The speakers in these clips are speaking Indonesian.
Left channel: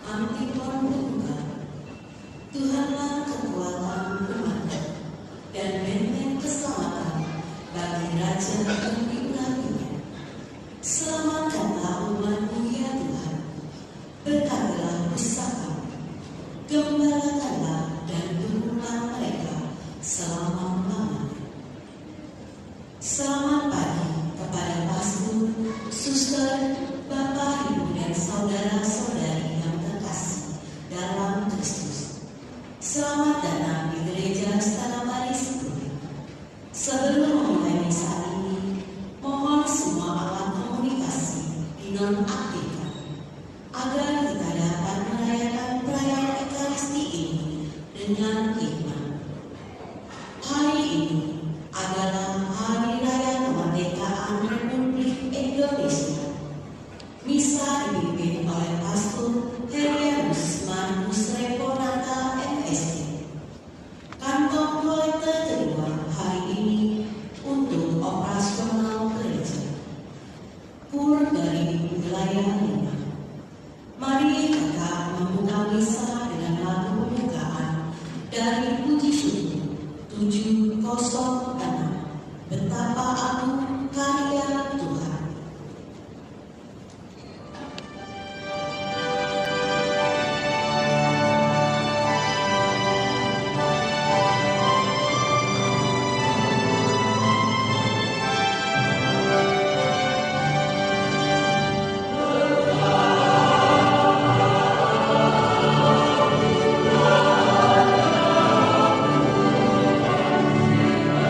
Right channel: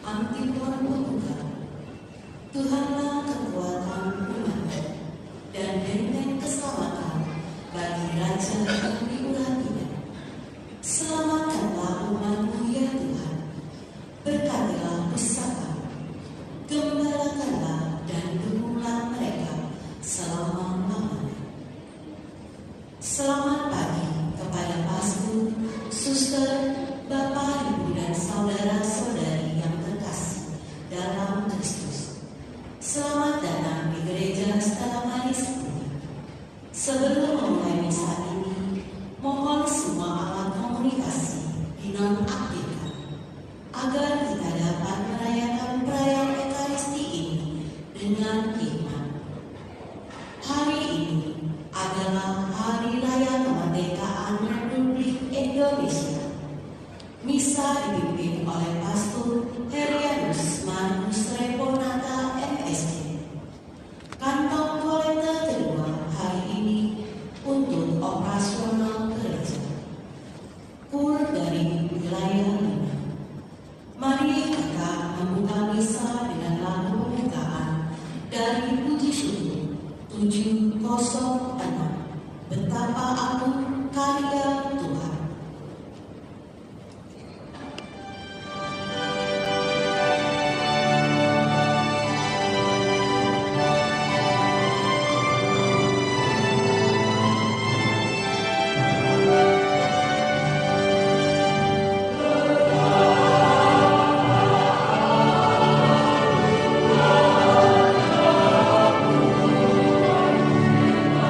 Antipan berkata, Tuhanlah kekuatan umatnya dan benteng keselamatan bagi raja yang diurapinya. Selamatkanlah umatmu ya Tuhan, berkatilah pusaka, gembalakanlah dan dukunglah mereka selama-lamanya. Selamat pagi kepada pastor, suster, bapak, ibu, dan saudara-saudari yang terkasih dalam Kristus. Selamat datang di gereja Stella Maris. Sebelum memulai misa ini, mohon semua alat komunikasi dinonaktifkan agar kita dapat merayakan perayaan Ekaristi ini dengan iman. Hari ini adalah Hari Raya Kemerdekaan Republik Indonesia. Misa dipimpin oleh Pastor Herianus Manus Reponata MSc. Kantong kolektor kedua hari ini untuk operasional gereja. Kur dari wilayah 5. Mari kita membuka misa dengan lagu pembukaan dari Puji Syukur 706. Betapa agung karya Tuhan.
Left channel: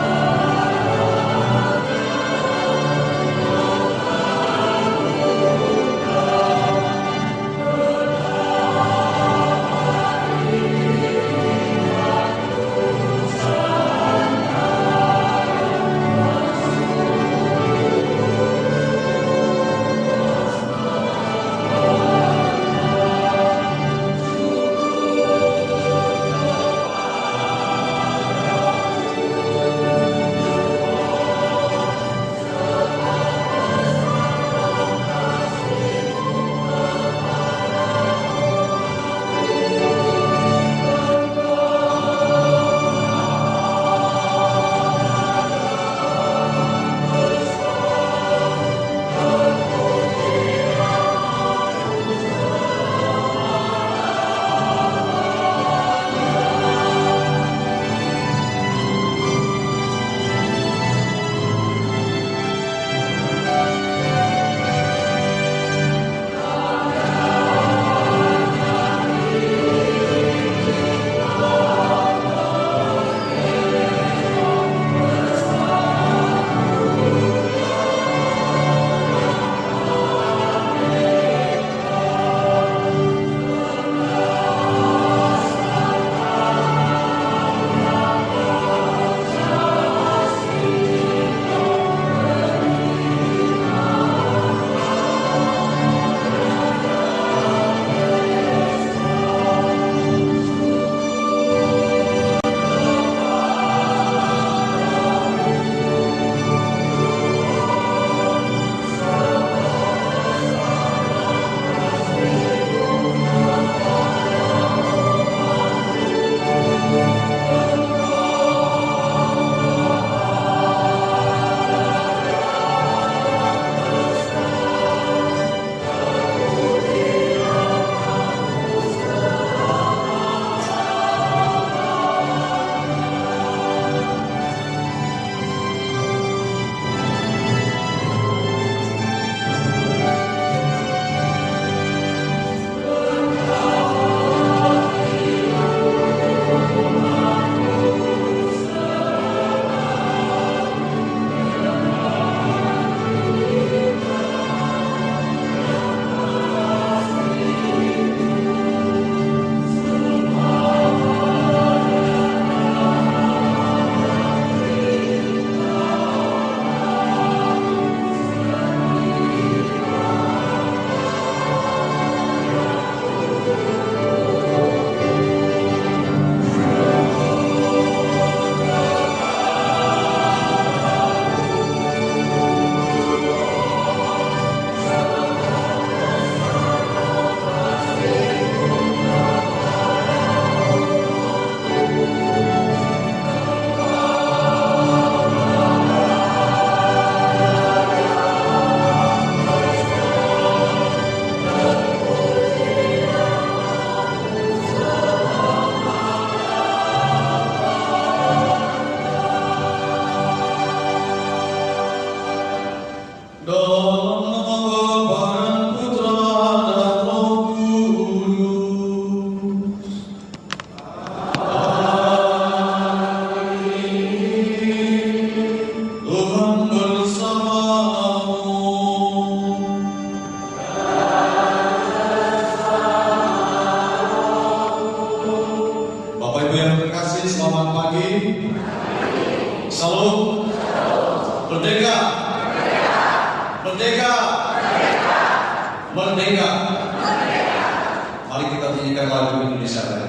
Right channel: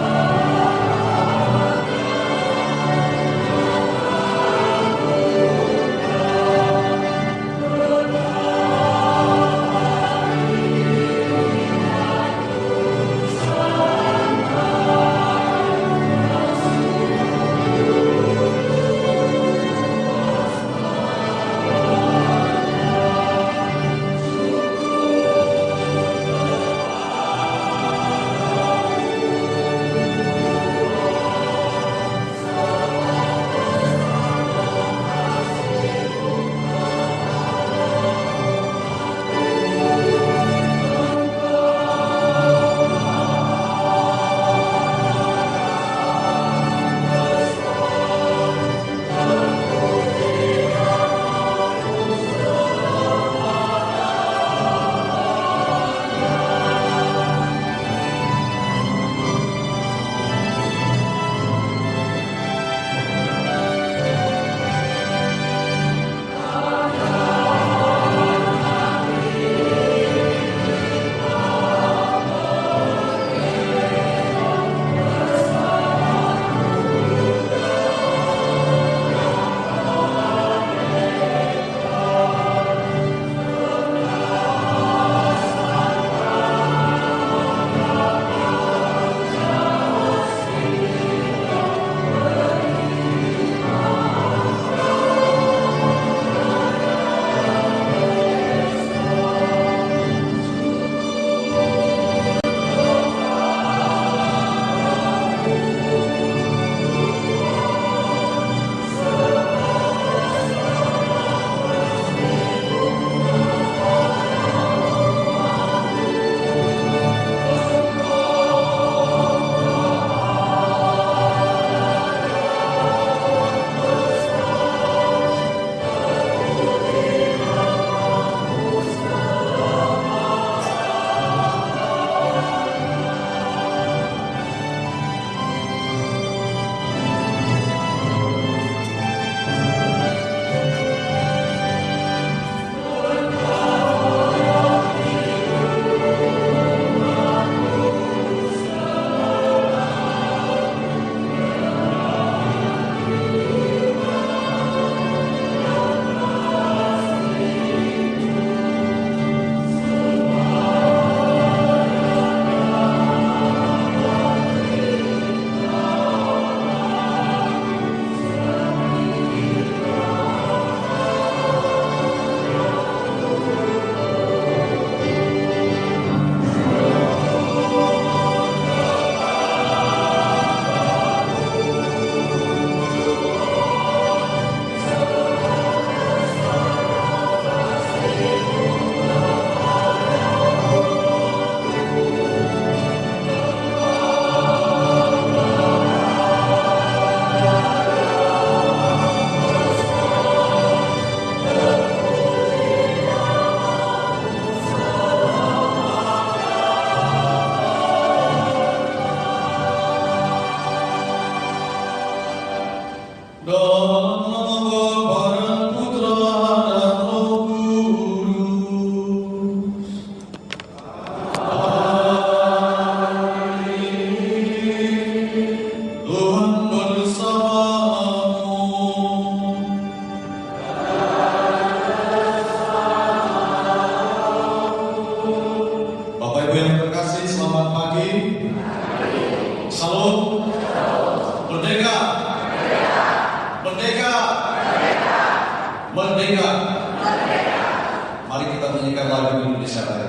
Amen. Mari kita nyanyikan lagu Indonesia Raya.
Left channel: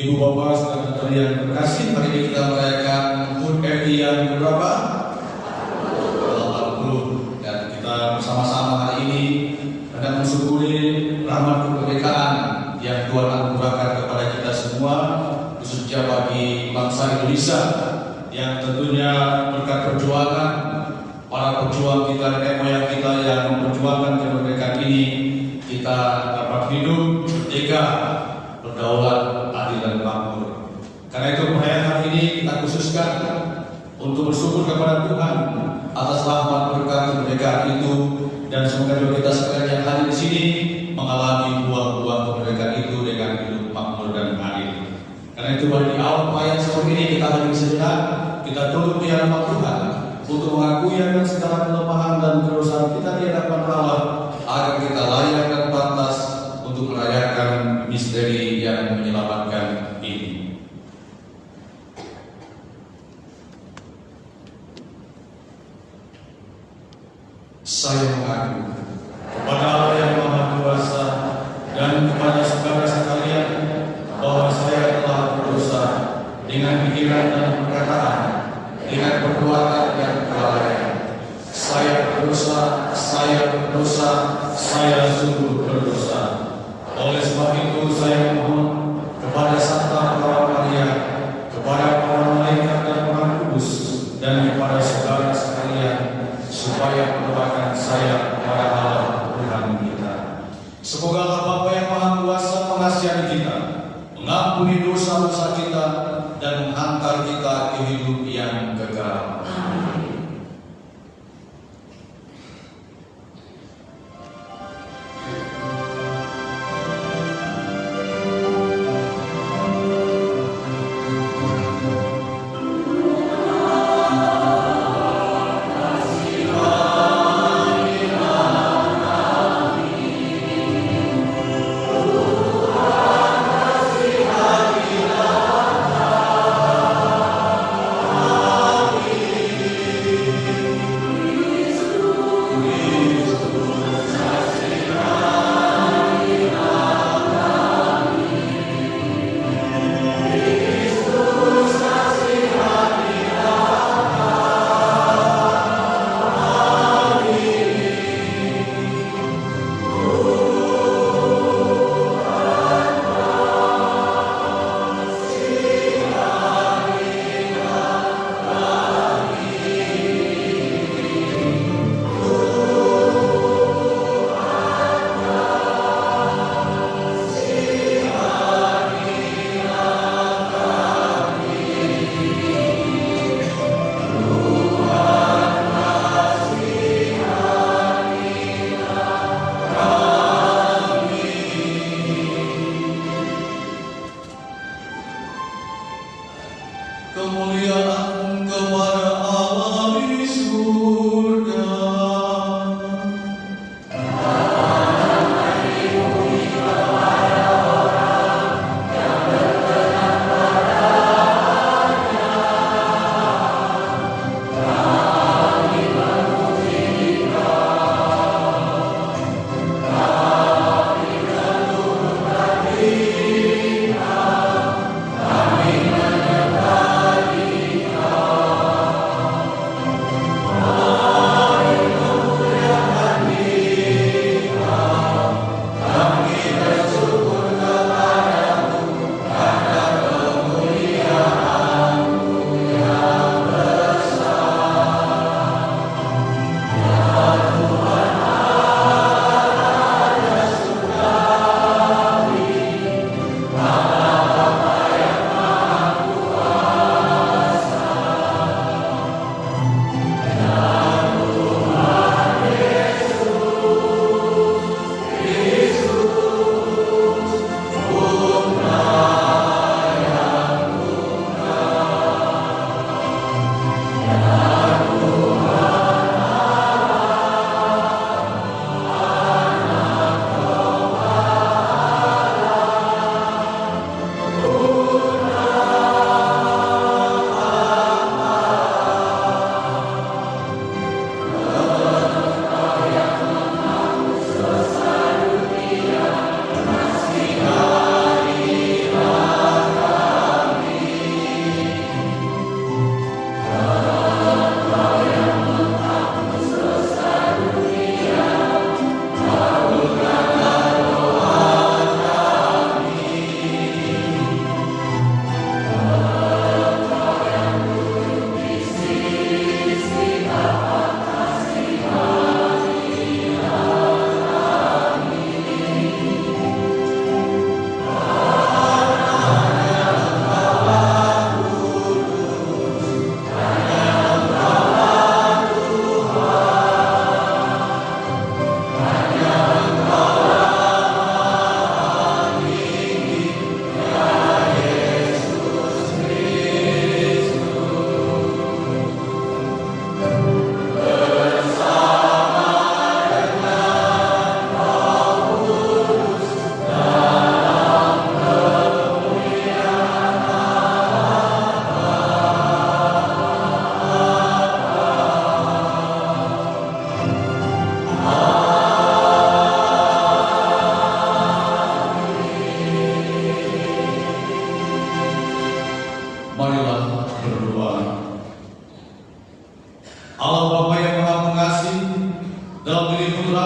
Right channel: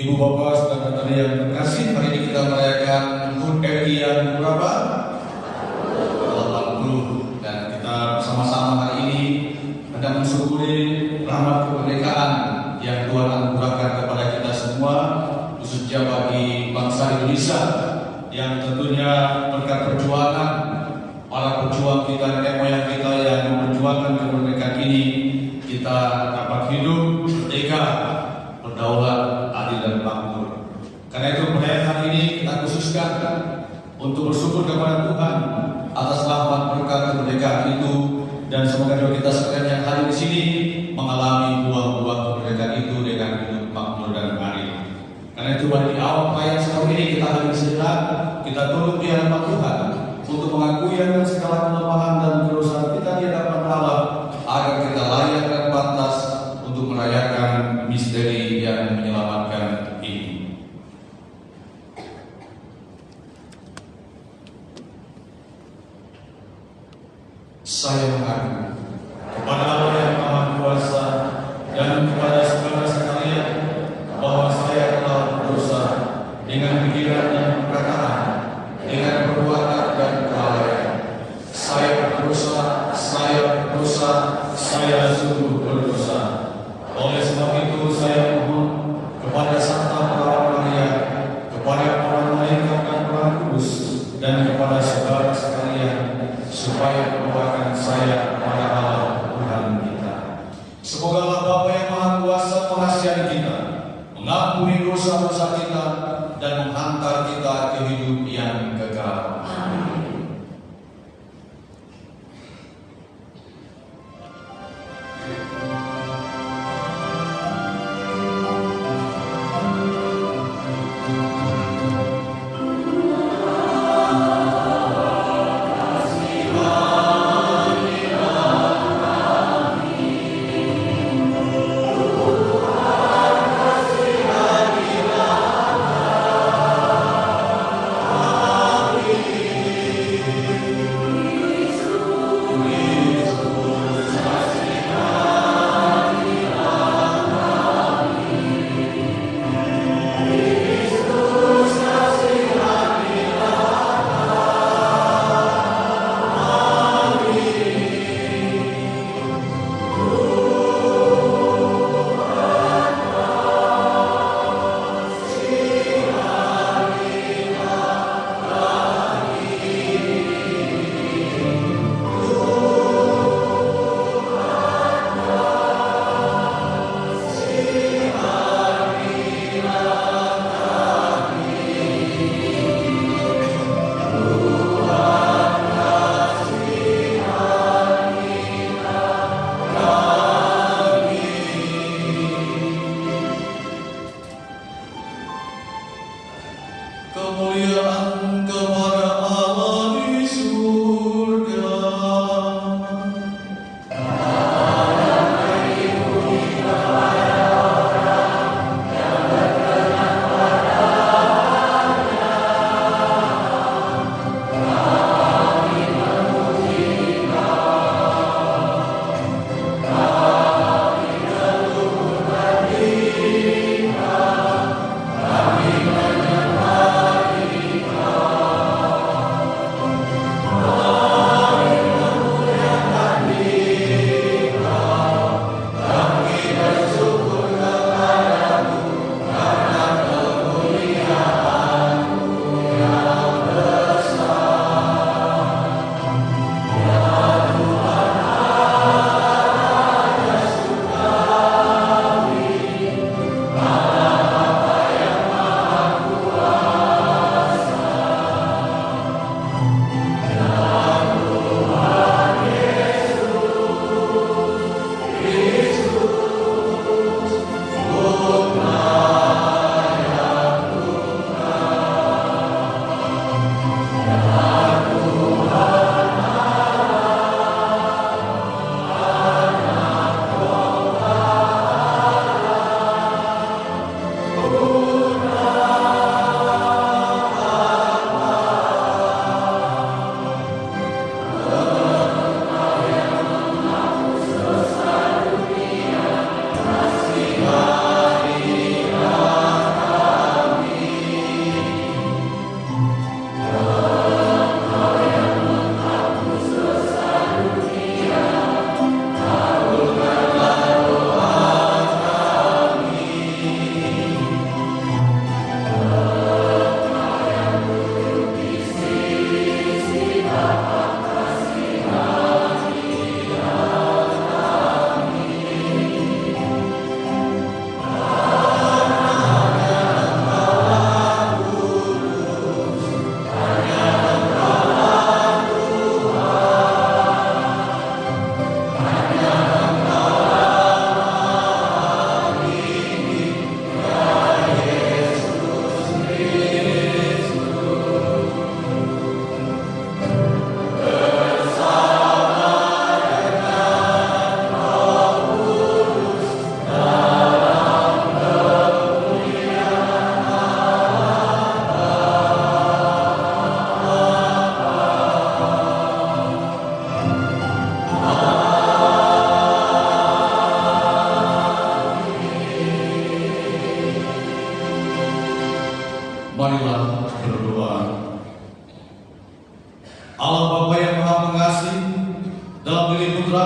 Ibu Bapak, saudara-saudari yang terkasih, hari ini kita merayakan HUT RI yang berapa? 80. Dan kita bersama-sama hari ini hendak mensyukuri rahmat kemerdekaan yang Tuhan anugerahkan kepada kita semua, khususnya bagi bangsa Indonesia yang tentunya berkat perjuangan para pejuang kita, nenek moyang kita yang memperjuangkan kemerdekaan ini, kita dapat hidup merdeka, berdaulat, adil dan makmur. Karena itu perayaan hari ini kita khususkan untuk bersyukur kepada Tuhan atas rahmat berkat kemerdekaan itu, dan semoga kita sekalian yang hadir di sini mengalami buah-buah kemerdekaan itu dengan hidup makmur dan adil. Karena itu di awal ayat seperti ini kita hadir sejenak, kita tunduk di hadapan Tuhan untuk mengakui akan segala kelemahan dan kedosaan kita di hadapan Allah, agar kita layak dan pantas untuk merayakan misteri yang menyelamatkan ini. Saya mengaku kepada Allah yang Maha Kuasa dan kepada saudara sekalian bahwa saya telah berdosa dengan pikiran dan perkataan, dengan perbuatan dan kelalaian. Saya berdosa, saya sungguh berdosa. Oleh sebab itu saya mohon kepada Santa Para Maria, kepada para malaikat dan para kudus, dan kepada saudara sekalian, supaya mendoakan saya kepada Allah Tuhan kita. Semoga Allah Bapa yang Maha Kuasa mengasihani kita, mengampuni dosa-dosa kita, dan menghantar kita ke hidup yang kekal. Amin. Amin.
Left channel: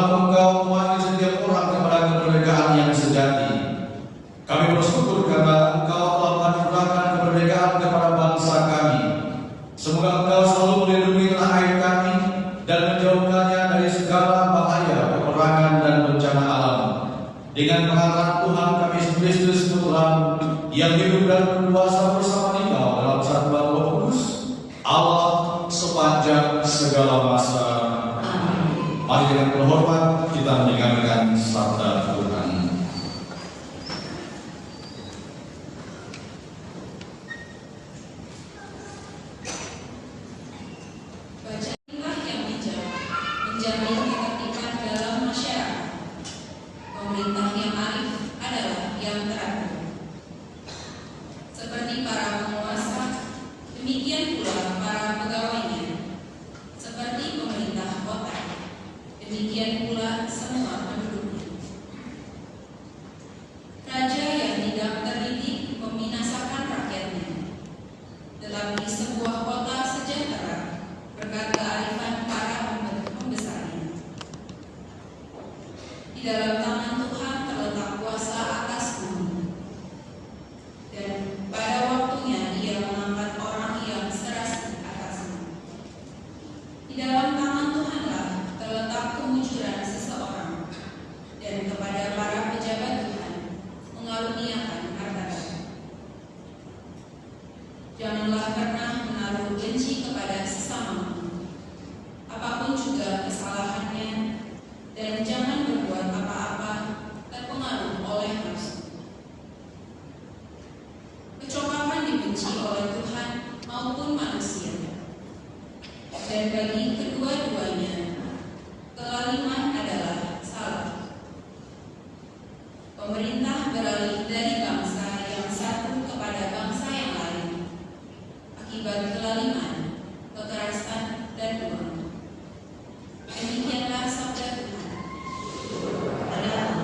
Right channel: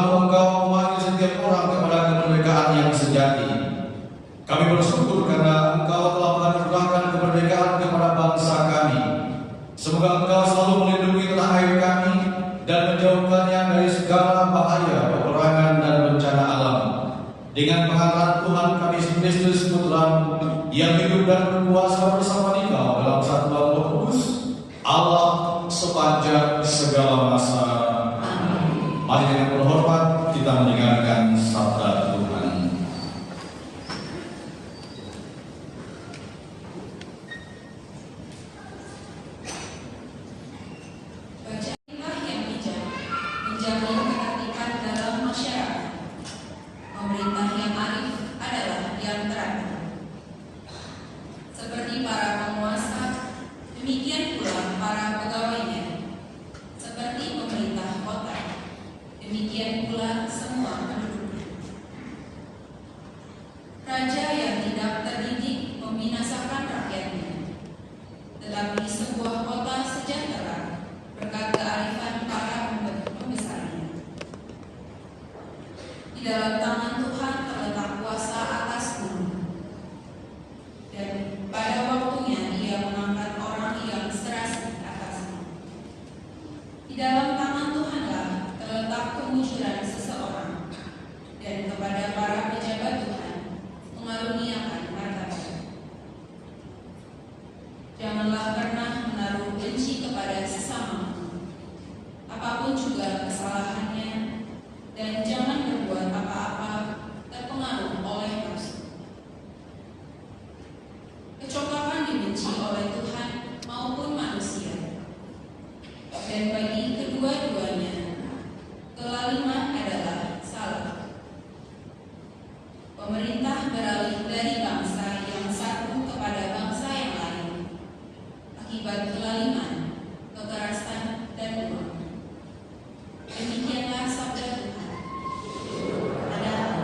Sebab Engkau memanggil setiap orang kepada kemerdekaan yang sejati. Kami bersyukur karena Engkau telah menganugerahkan kemerdekaan kepada bangsa kami. Semoga Engkau selalu melindungi tanah air kami dan menjauhkannya dari segala bahaya, peperangan dan bencana alam. Dengan pengantaran Tuhan kami Yesus Kristus Putra yang hidup dan berkuasa bersama Engkau dalam satuan Roh Kudus, Allah sepanjang segala masa. Mari dengan berhormat kita mendengarkan sabda Tuhan. Bacailah yang bijak, menjamin ketertiban dalam masyarakat. Pemerintah yang arif adalah yang terakhir. Seperti para penguasa, demikian pula para pegawainya. Seperti pemerintah kota, demikian pula semua penduduknya. Raja yang tidak terdidik membinasakan rakyatnya, tetapi sebuah kota sejahtera berkat kearifan para pembesarnya. Di dalam tangan Tuhan terletak kuasa atas bumi, dan pada waktunya Ia mengangkat orang yang serasi atasnya. Di dalam tangan Tuhanlah terletak kemujuran seseorang, dan kepada para pejabat Tuhan mengaruniakan martabat. Janganlah pernah menaruh benci kepada sesamamu, apapun juga kesalahannya, dan jangan berbuat apa-apa terpengaruh oleh nafsu. Kecoklakan dibenci oleh Tuhan maupun manusia, dan bagi kedua-duanya kelaliman adalah salah. Pemerintah beralih dari bangsa yang satu kepada bangsa yang lain akibat kelaliman, kekerasan, dan uang. Demikianlah sabda Tuhan. Amin.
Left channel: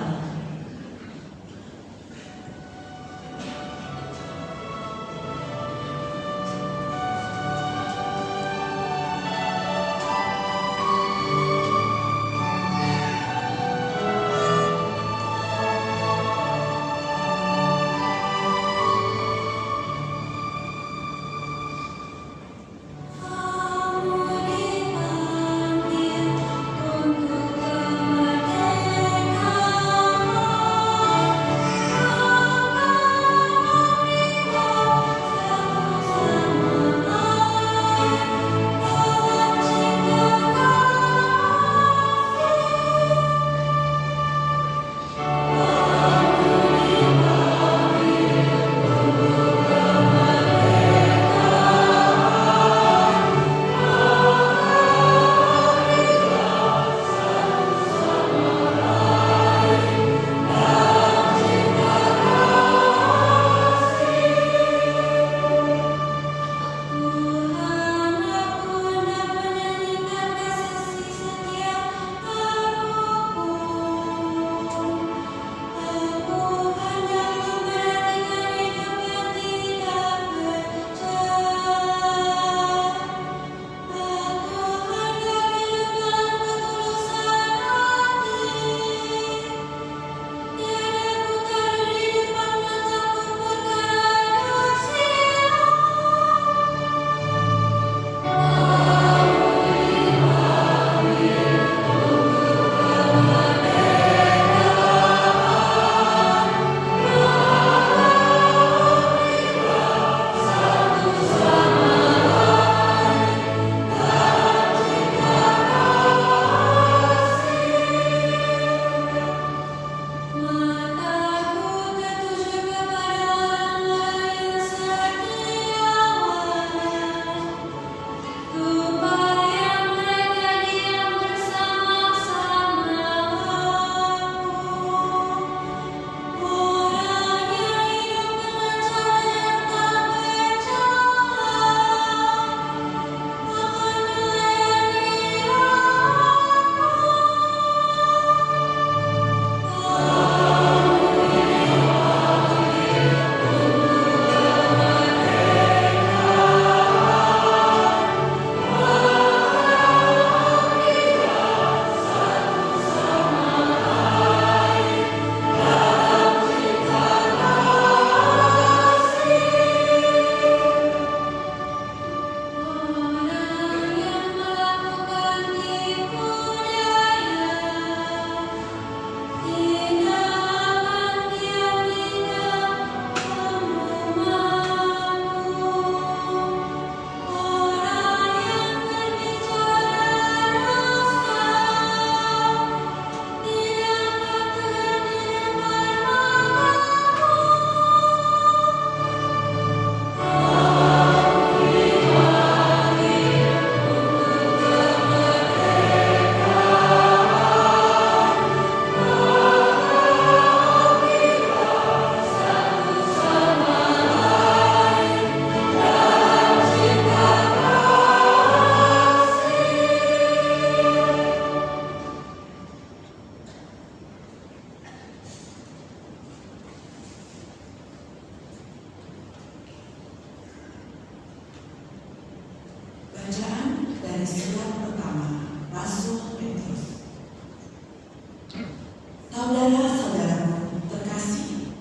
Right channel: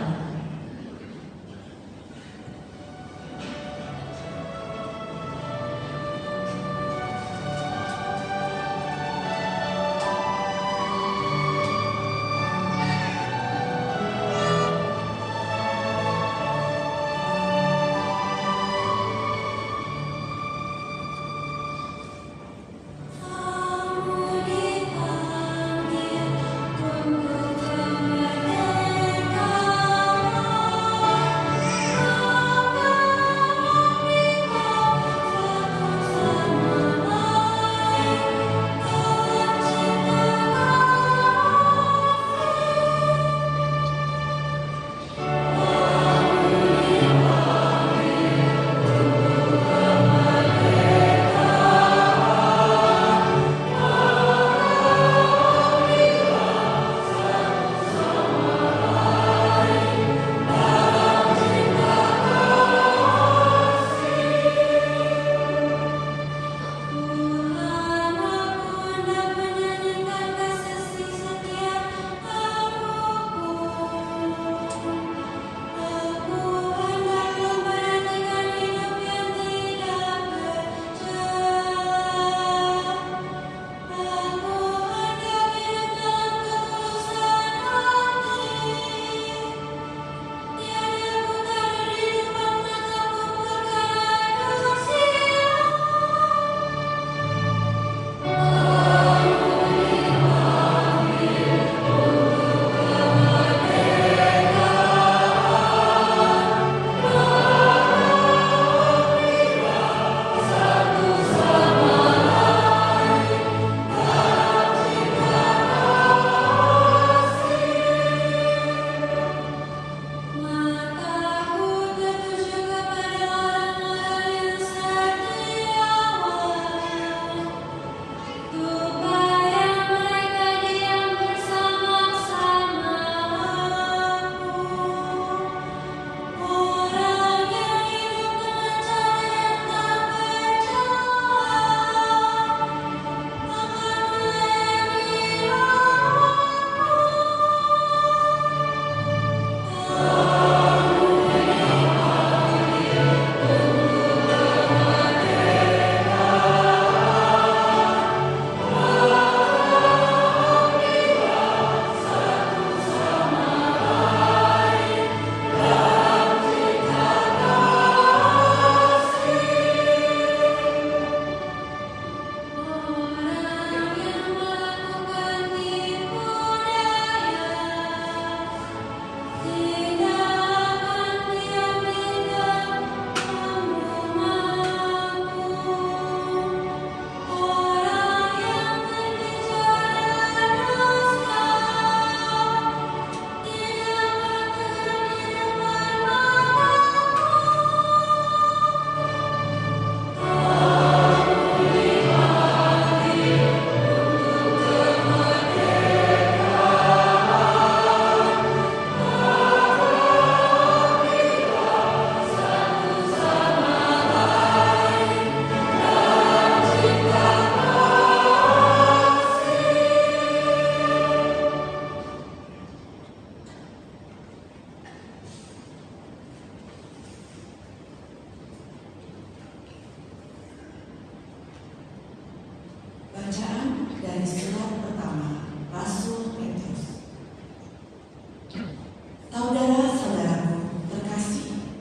Saudara-saudaraku terkasih,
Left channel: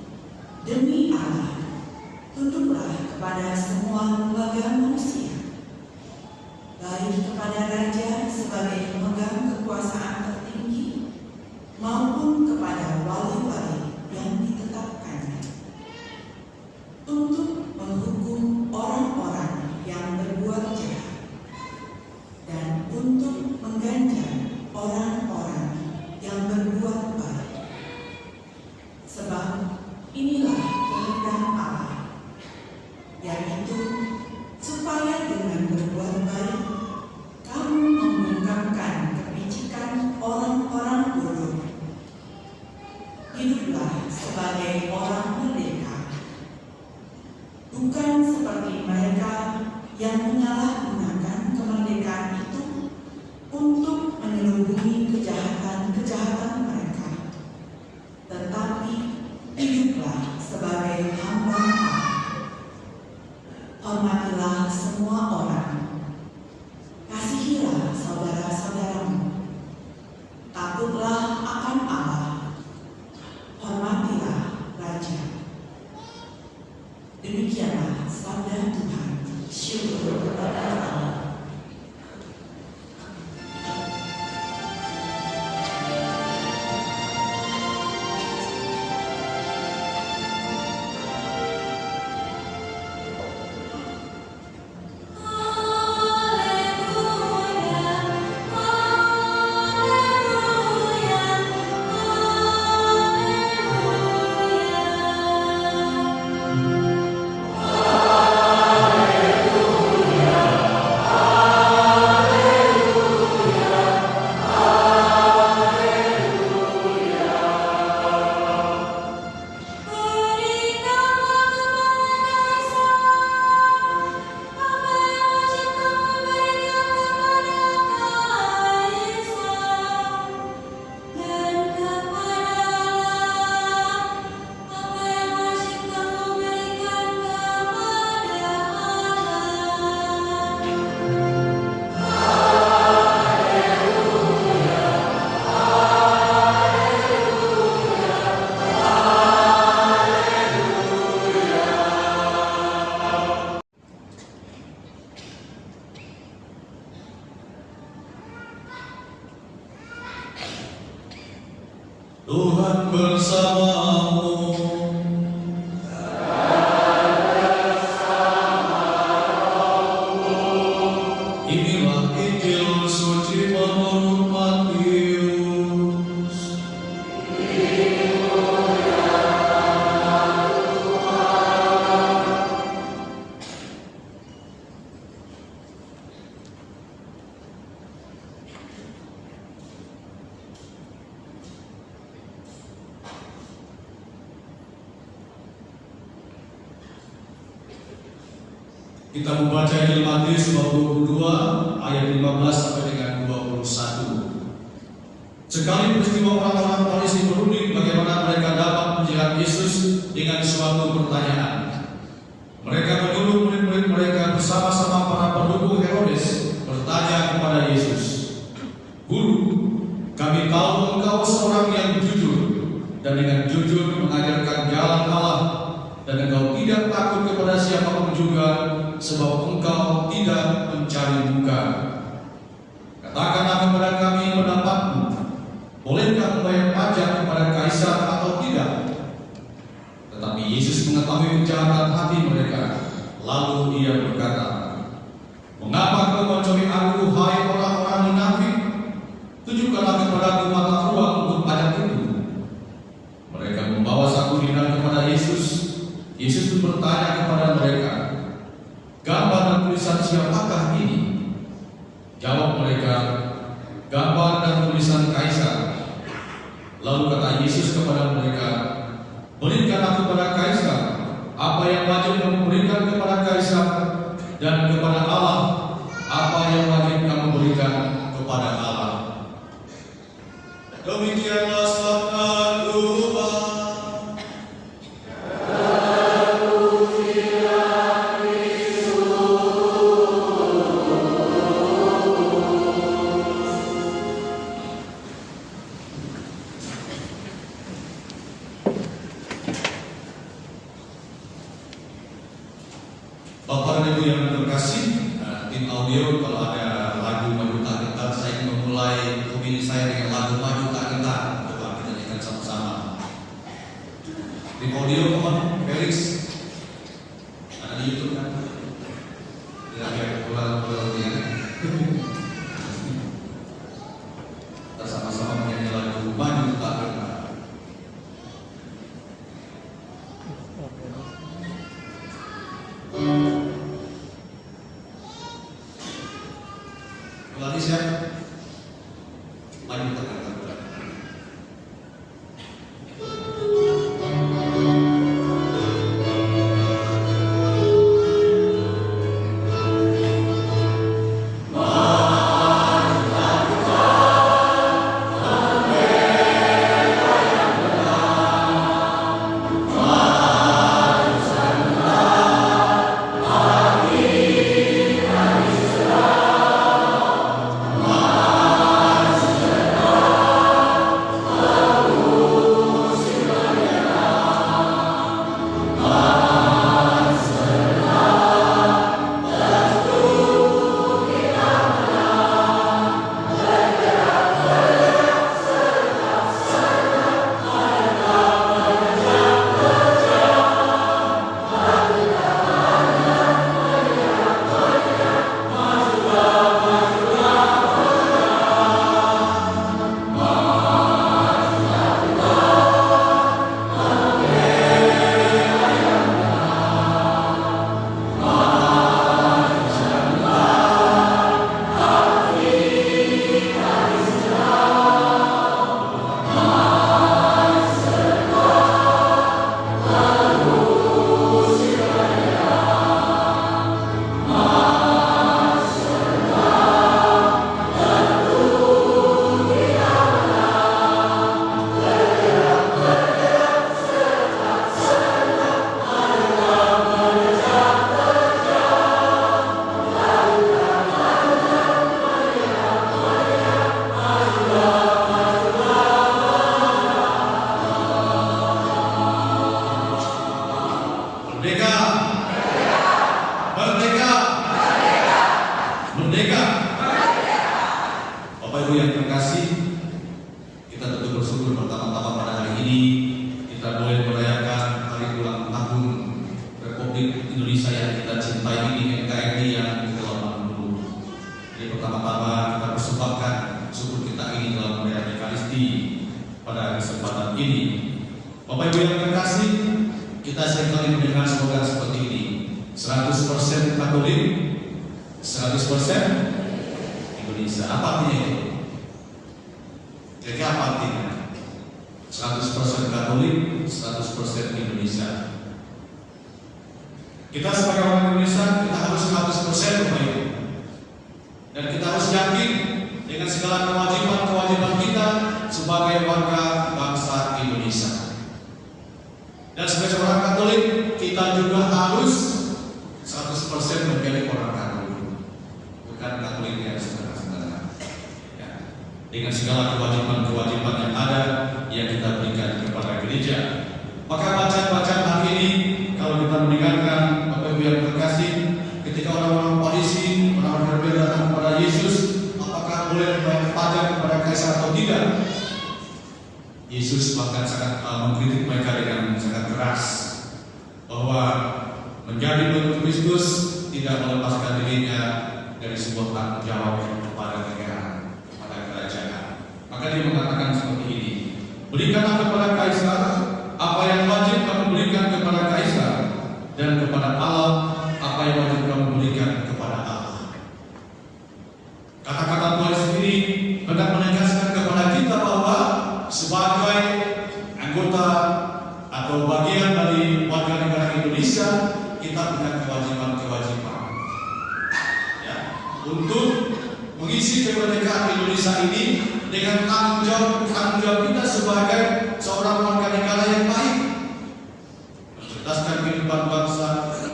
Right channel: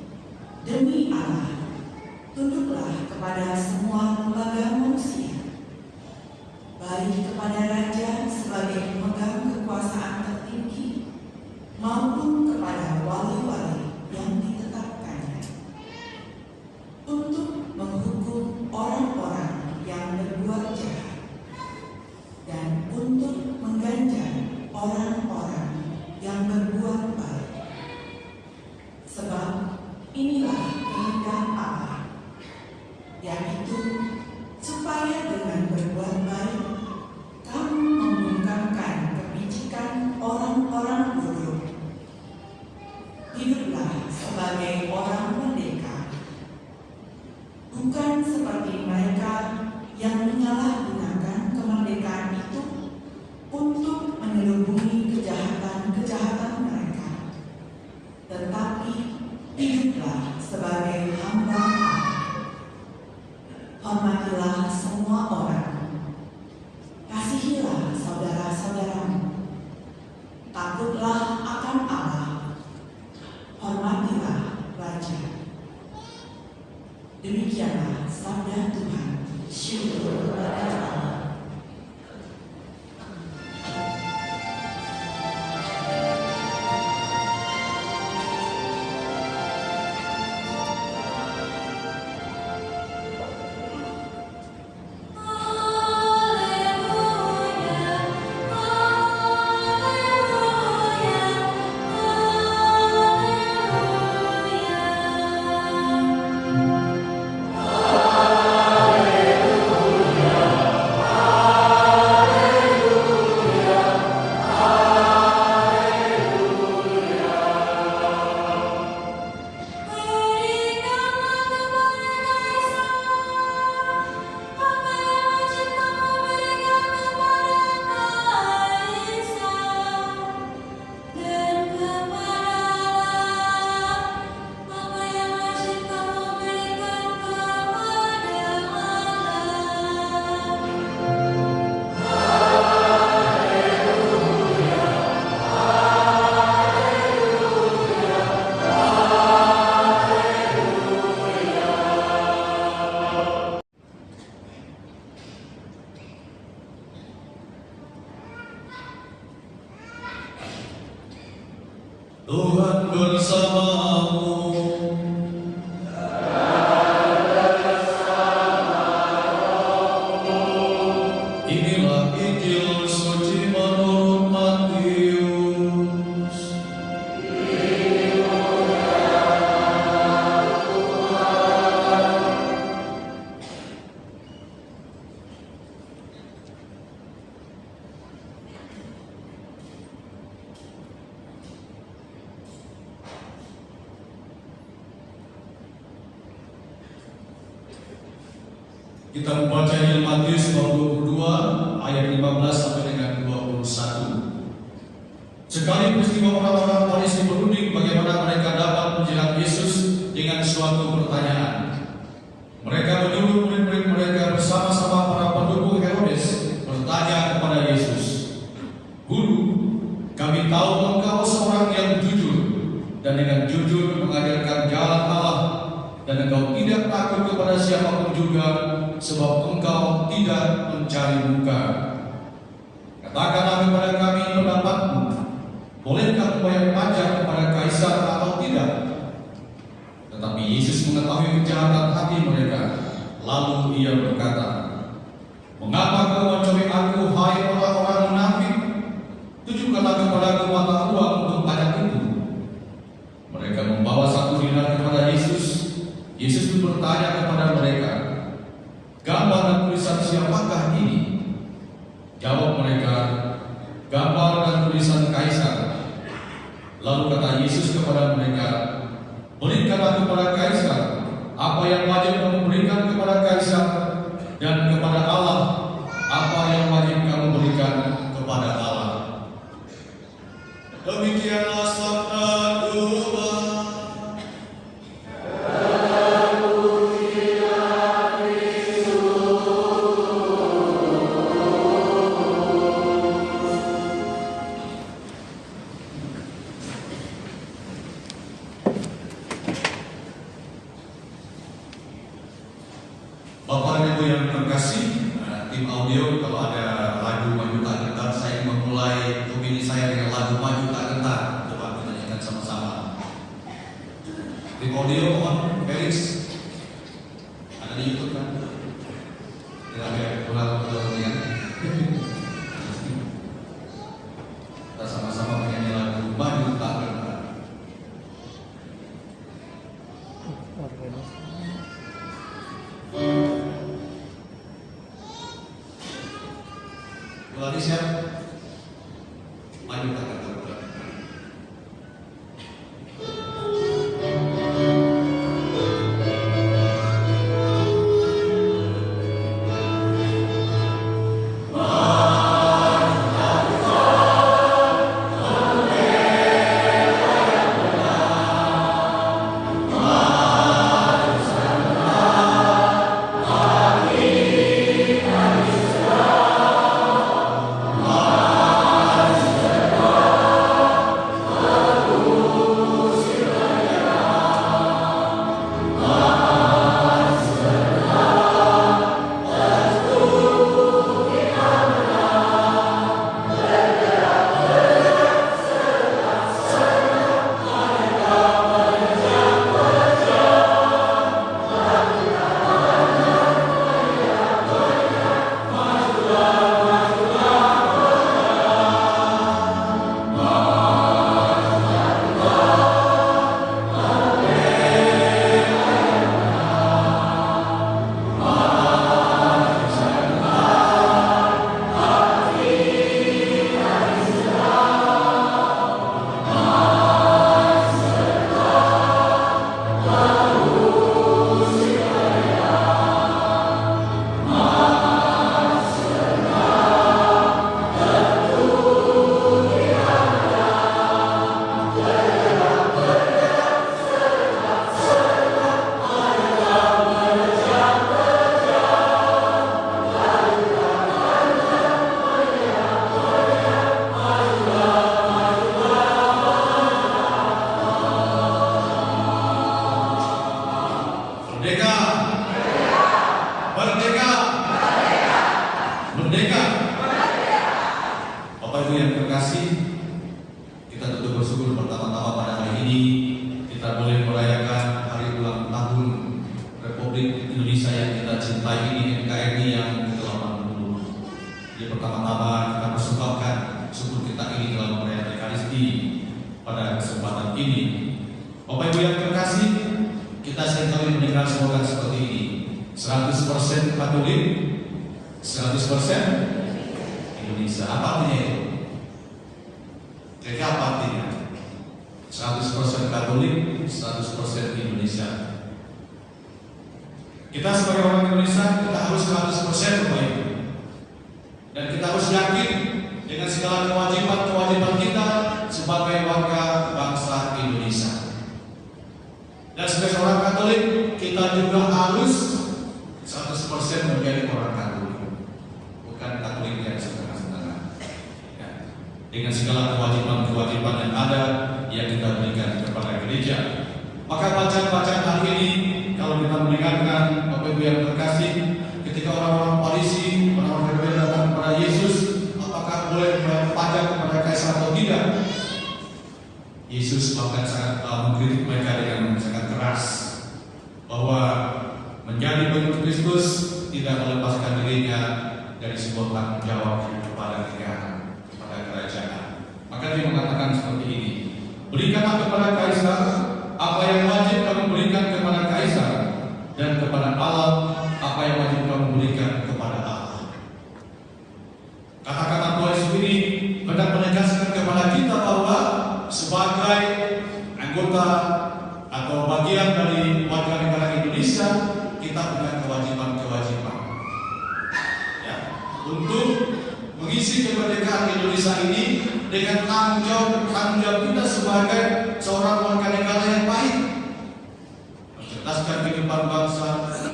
demi Allah, tunduklah kepada semua lembaga manusia, baik kepada raja sebagai pemegang kekuasaan tertinggi maupun kepada wali-wali yang ditetapkannya, untuk menghukum orang-orang yang berbuat jahat dan untuk mengganjar orang-orang yang berbuat baik. Sebab inilah kehendak Allah, yaitu supaya dengan berbuat baik kamu membungkamkan kepicikan orang-orang bodoh. Hiduplah sebagai orang merdeka, bukan seperti mereka yang menyalahgunakan kemerdekaan itu untuk menyelubungi kejahatan-kejahatan mereka, tetapi hiduplah sebagai hamba Allah. Hormatilah semua orang, kasihilah saudara-saudaramu, takutlah akan Allah, hormatilah raja. Demikianlah sabda Tuhan. Syukur kepada Allah. Tuhan bersamamu. Inilah Injil suci menurut Matius. Kita membaca Injil Matius bab 22 ayat 15 sampai dengan 21. Sekali peristiwa orang-orang Farisi berunding bagaimana mereka dapat menjerat Yesus dengan suatu pertanyaan. Mereka menyuruh murid-murid mereka bersama-sama para pendukung Herodes bertanya kepada Yesus, "Guru, kami tahu engkau seorang yang jujur dan dengan jujur mengajarkan jalan Allah, dan engkau tidak takut kepada siapapun juga, sebab engkau tidak mencari muka. Katakanlah kepada kami pendapatmu, bolehkah membayar pajak kepada Kaisar atau tidak?" Tetapi Yesus mengetahui kejahatan hati mereka, lalu Ia berkata, "Mengapa kau mencari aku, hai orang-orang munafik? Tunjukkanlah kepadaku mata uang untuk pajak itu." Mereka membawa 1 dinar kepada Yesus. Yesus pun bertanya kepada mereka, "Gambar dan tulisan siapakah ini?" Jawab mereka, "Gambar dan tulisan Kaisar." Lalu kata Yesus kepada mereka, "Berikanlah kepada Kaisar apa yang wajib kamu berikan kepada Kaisar, dan kepada Allah apa yang wajib kamu berikan kepada Allah." Demikianlah sabda Tuhan. Ibu yang terkasih, tim audio kalau ada lagu Maju Tak Gentar, saya ingin memulai opini saya dengan lagu Maju Tak Gentar. Coba kita nyanyikan sama-sama. Tim audio, mohon Felix, ada di YouTube kan? Tidak pulang ya. Kita sama-sama menyanyi lagu Maju Tak Gentar. Lagi siap? Maju Tak Gentar. Merdeka! Merdeka! Merdeka! Bapak Ibu yang terkasih, kita tentu bersyukur pertama-tama pada hari ini kita boleh merayakan hari ulang tahun Republik Indonesia yang kita cintai ini, NKRI yang ke-80. Jadi pertama-tama kita persembahkan syukur kita ini dalam perayaan Ekaristi pada kesempatan ini. Bapak Ibu yang terkasih, kita seringkali mendengar slogan seperti ini, 100% Katolik, 100% Indonesia. Apa artinya itu? Jadi apa artinya? 100% Katolik, 100% Indonesia. Kita sebagai orang Indonesia, kita harus 100% Bapak Ibu. Dan kita harus yakin dengan segala kewajiban-kewajiban kita sebagai warga bangsa Indonesia. Dan sebagai orang Katolik, kita juga harus 100% menjadi orang Katolik, bukan Katolik yang setengah-setengah. Ya. Dengan segala kewajiban-kewajiban yang ada yang kita berikan kepada gereja. Maka bacaan-bacaan hari ini, kalau kita mendengarkan Bapak Ibu yang terkasih, ketika orang-orang Farisi, orang-orang Herode datang kepada Yesus, apakah boleh membayar pajak kepada kaisar atau tidak? Yesus bahkan sangat mengkritik mereka dengan sangat keras bahwa menjadi pengikut Kristus tidak melepaskan dirinya dari sebuah tanggung jawab kepada negara, kepada kerajaan. Maka dia mengatakan seperti ini, berikanlah kepada kaisar apa yang wajib kamu berikan kepada kaisar, dan kepada Allah apa yang wajib kamu berikan kepada Allah. Kata-kata Tuhan Yesus ini hendak menegaskan kepada kita bahwa sebagai anggota atau bagian dari warga negara Indonesia, kita punya kewajiban-kewajiban ya, untuk mengisi kemerdekaan Indonesia ini dengan tanggung jawab kita sebagai seorang warga negara yang baik, mencerdaskan kehidupan bangsa,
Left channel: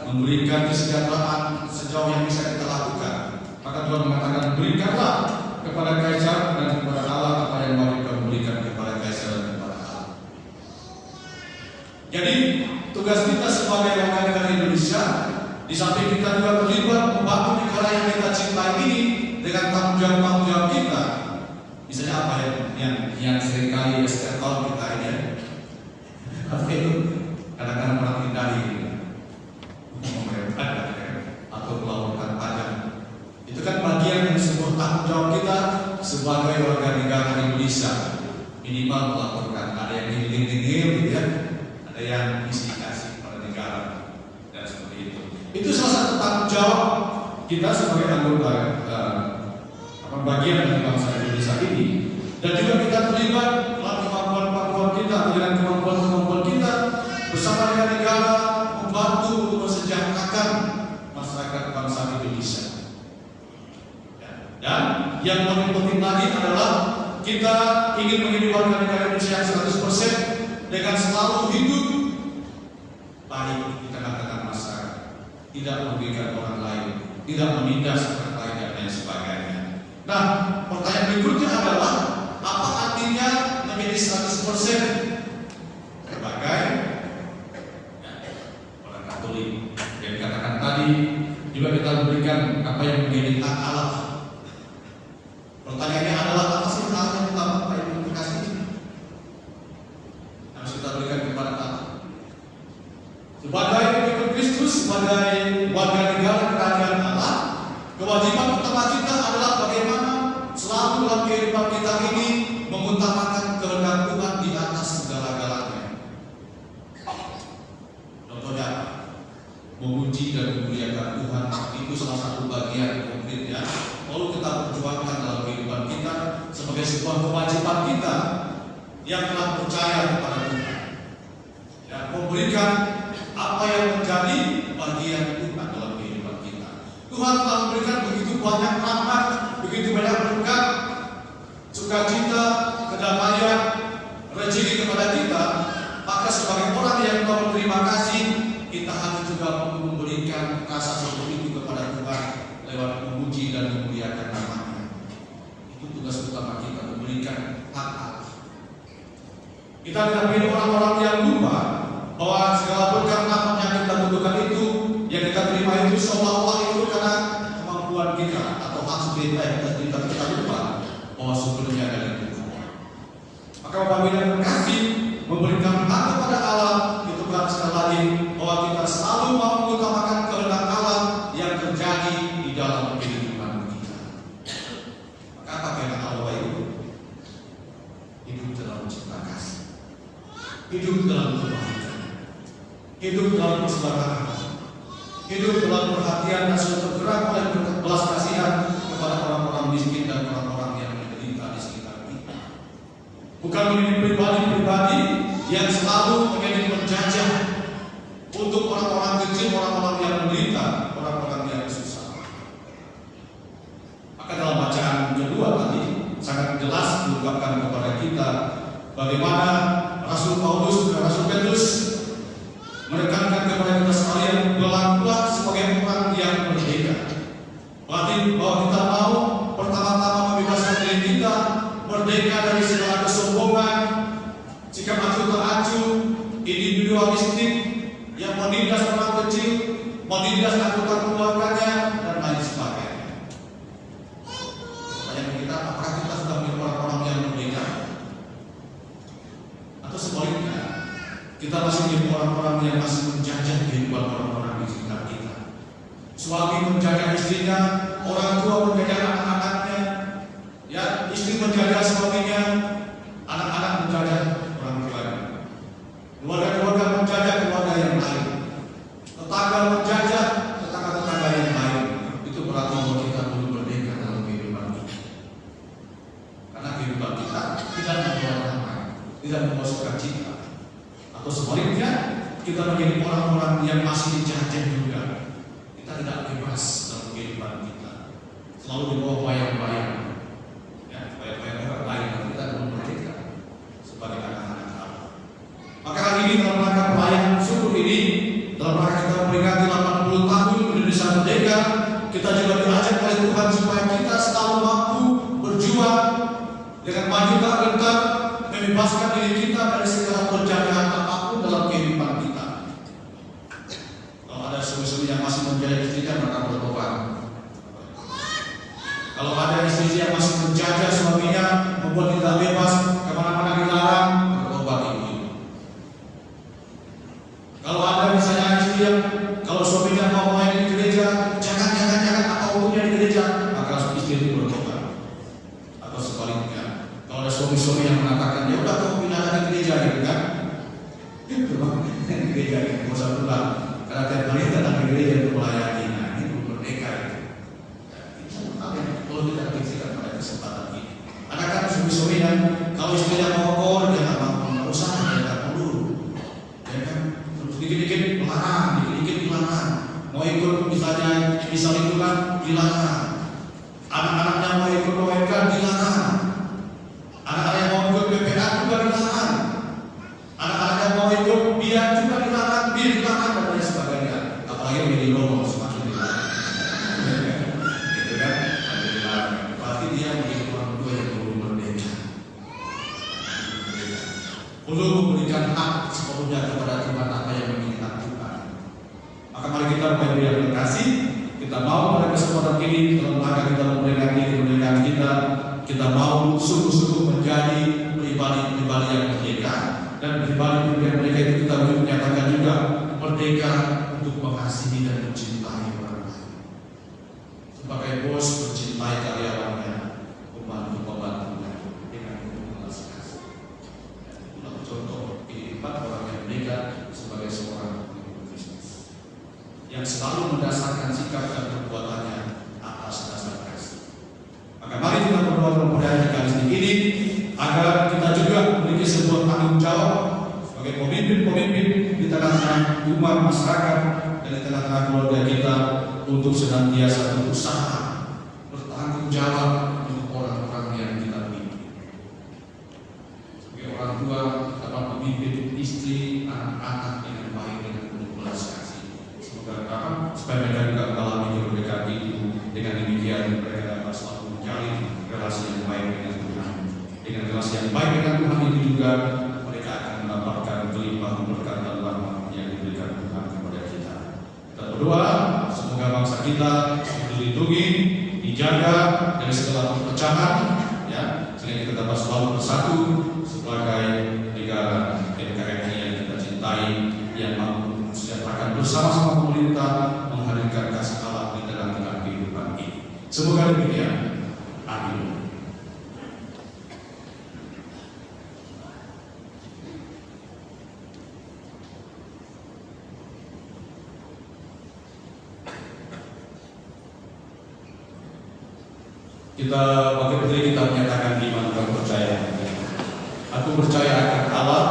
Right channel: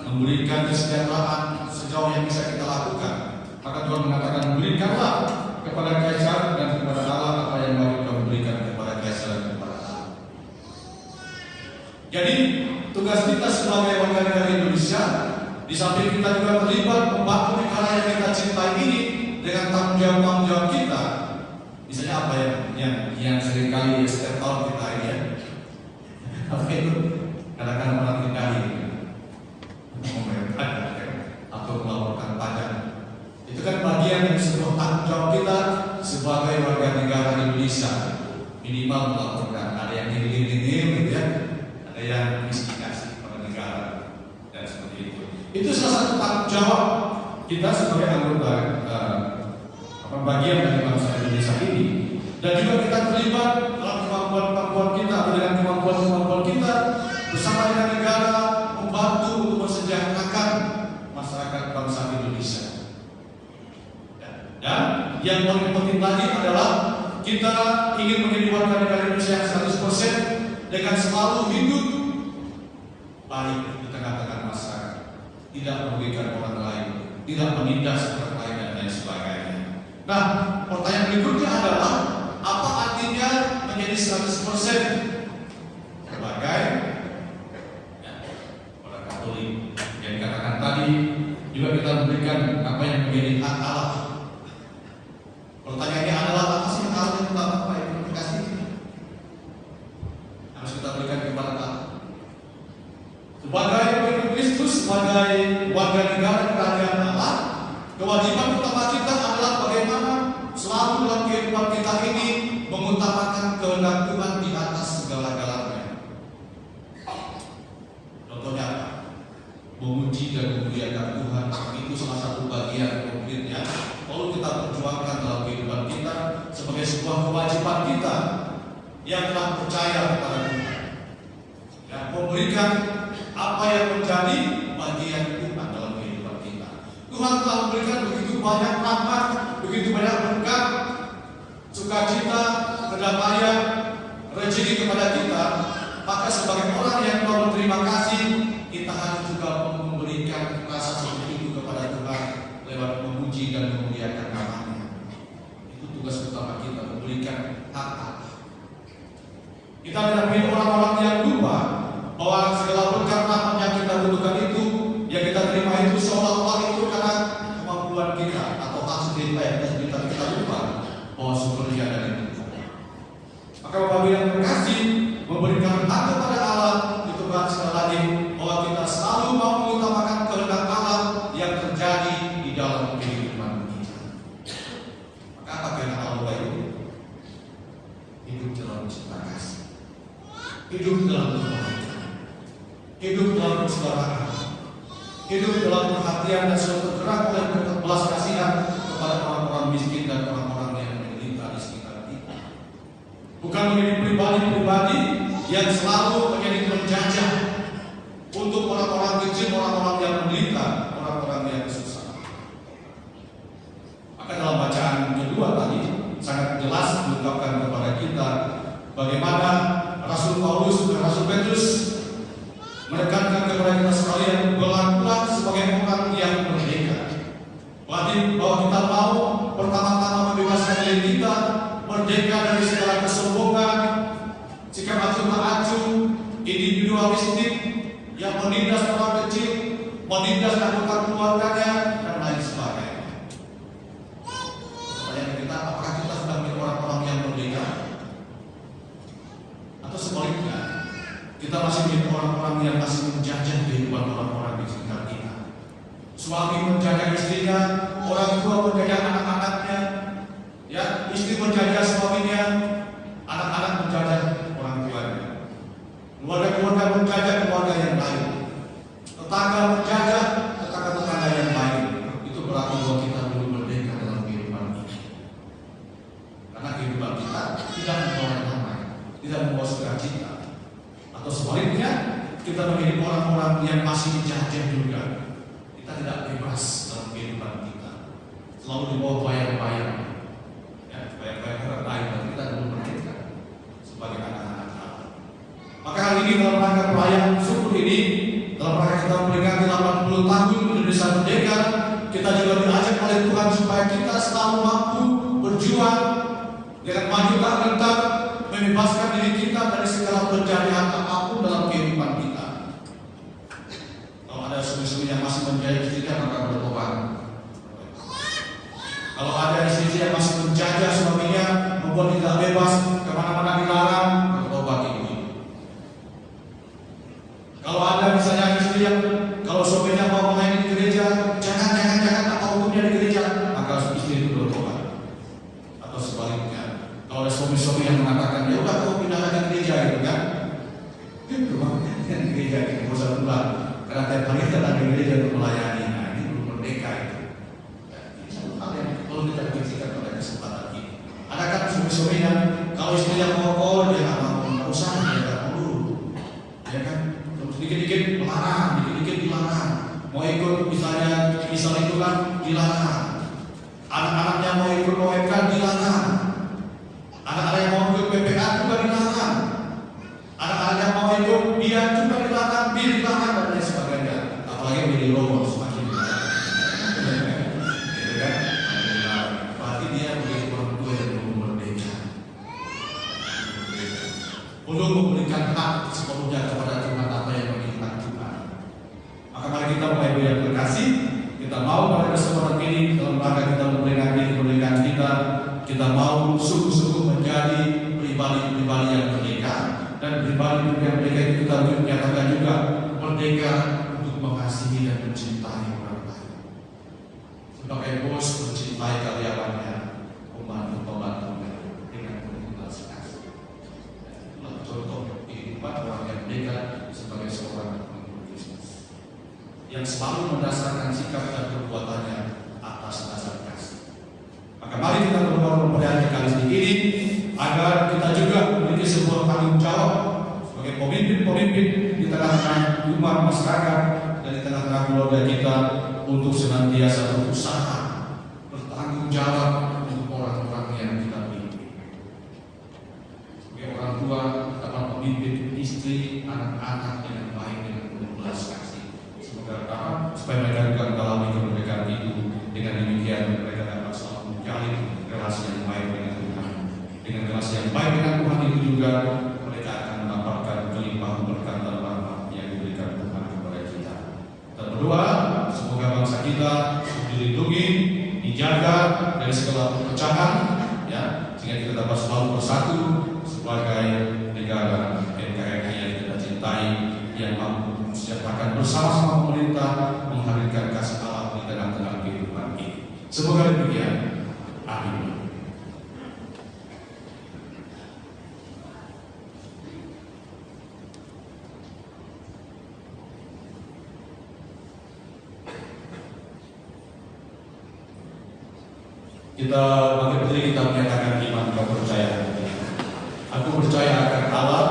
memberikan kesejahteraan sejauh yang bisa kita lakukan. Maka Tuhan mengatakan, berikanlah kepada kaisar dan kepada Allah apa yang wajib kamu berikan kepada kaisar dan kepada Allah. Jadi tugas kita sebagai warga negara Indonesia di samping kita juga terlibat membantu negara yang kita cintai ini dengan tanggung jawab kita. Misalnya apa yang seringkali setiap tahun kita ini, apa itu? Kadang-kadang orang kita ini membayar pajak atau melaporkan pajak. Itu kan bagian dari sebuah tanggung jawab kita sebagai warga negara Indonesia. Minimal melaporkan, ada yang nilai-nilai gitu ya, ada yang investigasi kepada negara dan seperti itu. Itu salah satu tanggung jawab kita sebagai anggota bagian dari bangsa Indonesia ini. Dan juga kita terlibat dalam kemampuan kita dengan kemampuan kita bersama dengan negara membantu untuk mensejahterakan masyarakat bangsa Indonesia. Dan yang paling penting lagi adalah kita ingin menjadi warga negara Indonesia yang 100% dengan selalu hidup baik di tengah-tengah masyarakat, tidak merugikan orang lain, tidak menindas orang lain dan lain sebagainya. Nah, pertanyaan berikutnya adalah apa artinya menjadi 100% sebagai orang Katolik? Yang dikatakan tadi juga kita memberikan apa yang menjadi hak Allah. Pertanyaannya adalah apa sih hal yang utama Pak yang dikasih ini? Harus kita berikan kepada Allah. Sebagai pengikut Kristus, sebagai warga negara kerajaan Allah, kewajiban utama kita adalah bagaimana selalu dalam kehidupan kita ini mengutamakan kehendak Tuhan di atas segala-galanya. Contohnya apa? Memuji dan memuliakan Tuhan itu salah satu bagian konkretnya. Lalu kita perjuangkan dalam kehidupan kita sebagai sebuah kewajiban kita yang telah percaya kepada Tuhan dan memberikan apa yang menjadi bagian Tuhan dalam kehidupan kita. Tuhan telah memberikan begitu banyak rahmat, begitu banyak berkat, sukacita, kedamaian, rezeki kepada kita. Maka sebagai orang yang mau berterima kasih, kita harus juga memberikan rasa seperti itu kepada Tuhan lewat memuji dan memuliakan namanya. Itu tugas utama kita, memberikan hak. Kita tidak menjadi orang-orang yang lupa bahwa segala berkat rahmat yang kita butuhkan itu, yang kita terima itu seolah-olah itu karena kemampuan kita atau hasil kita yang kita lupa bahwa sumbernya dari Tuhan. Maka Bapak yang terkasih, memberikan hak kepada Allah itu kan sekali lagi bahwa kita selalu mau mengutamakan kehendak Allah yang terjadi di dalam kehidupan kita. Maka apa kehendak Allah itu? Hidup dalam cinta kasih, hidup dalam kebaikan, hidup dalam kesabaran, hidup dalam perhatian dan selalu bergerak oleh belas kasihan kepada orang-orang miskin dan orang-orang yang menderita di sekitar kita. Bukan menjadi pribadi-pribadi yang selalu menjadi penjajah untuk orang-orang kecil, orang-orang yang menderita, orang-orang yang susah. Maka dalam bacaan kedua tadi sangat jelas diungkapkan kepada kita bagaimana Rasul Paulus dan Rasul Petrus menekankan kepada kita sekalian berlakulah sebagai orang yang merdeka. Berarti bahwa kita mau pertama-tama membebaskan diri kita merdeka dari segala kesombongan, sikap acuh tak acuh, individualistik yang menindas orang kecil, menindas anggota keluarganya dan lain sebagainya. Pertanyaan kita, apakah kita sudah menjadi orang-orang yang merdeka? Atau sebaliknya, kita masih menjadi orang-orang yang masih menjajah kehidupan orang-orang di sekitar kita? Suami menjaga istrinya, orang tua menjaga anak-anaknya, ya, istri menjaga suaminya, anak-anak menjaga orang tuanya, keluarga-keluarga menjaga keluarga yang lain, tetangga menjaga tetangga-tetangga yang lain. Itu berarti bahwa kita belum merdeka dalam kehidupan kita. Karena kehidupan kita tidak membawa damai, tidak membawa sukacita. Atau sebaliknya, kita menjadi orang-orang yang masih dijajah juga. Kita tidak bebas dalam kehidupan kita, selalu di bawah bayang-bayang. Bayang-bayang lain, kita belum merdeka sebagai anak-anak Allah. Maka hari ini dalam rangka perayaan syukur ini, dalam rangka kita memperingati 80 tahun Indonesia merdeka, kita juga diajak oleh Tuhan supaya kita selalu mampu berjuang dengan maju tak gentar, membebaskan diri kita dari segala penjajahan apapun dalam kehidupan kita. Kalau ada sumber-sumber yang masih menjaga mengatakan, ya udah kamu pindah ke gereja gitu kan? Gereja itu nggak usah pulang. Karena tiap hari datang ke gereja untuk melayani. Nah ini belum merdeka itu. Ya, ini satu hal yang perlu kita pikirkan pada kesempatan ini. Adakah suami-suami yang kalau istrinya mau jangan mau, nggak usah, jangan dulu, ya kan? Terus dikit-dikit melarang, dikit-dikit dilarang. Mau ikut misalnya itu kan dilarang. Anak-anaknya mau ikut OMK dilarang. Anak-anak yang mau ikut PPA juga dilarang. Anak-anak yang mau ikut biar juga dilarang, dilarang dan lain sebagainya. Apalagi yang di logo semakin dilarang. Gitu kan? Dilarang. Berarti dia menjadi orang tua yang belum merdeka. Belum memberikan hak sepenuhnya kepada Tuhan apa yang menginginkan Tuhan. Maka mari kita Bapak Ibu yang terkasih, kita mau pada kesempatan ini dalam rangka kita memperingati kemerdekaan kita mau sungguh-sungguh menjadi pribadi-pribadi yang merdeka. Dan pribadi yang merdeka itu kita menyatakan juga merdeka untuk mengasihi dan mencintai orang lain. Sebagai bos mencintai karyawannya, membantunya dengan belas kasih. Itulah contoh kehidupan orang yang merdeka sebagai seorang bisnis yang selalu mendasarkan sikap dan perbuatannya atas dasar kasih. Maka mari kita berdoa pada kali ini agar kita juga memiliki sebuah tanggung jawab sebagai pemimpin-pemimpin di tengah-tengah umat masyarakat dan di tengah-tengah keluarga kita untuk senantiasa berusaha bertanggung jawab untuk orang-orang yang kita pimpin. Sebagai orang tua dapat memimpin istri, anak-anak dengan baik dengan penuh belas kasih. Semoga supaya mereka juga mengalami kemerdekaan itu. Dengan demikian mereka dapat selalu menjalin relasi yang baik dengan Tuhan. Dengan relasi yang baik dengan Tuhan itu juga mereka akan mendapatkan kelimpahan berkat dan rahmat yang diberikan Tuhan kepada kita. Kita berdoa semoga bangsa kita dilindungi, dijaga dari segala perpecahan, ya, sehingga kita dapat selalu bersatu sebagai negara NKRI yang kita cintai, yang mampu mensejahterakan bersama-sama pemerintah, menghadirkan kasih Allah di tengah-tengah kehidupan ini. Semoga demikian. Amin. Kita bagi diri kita menyatakan iman dan percaya. Aku percaya akan Allah,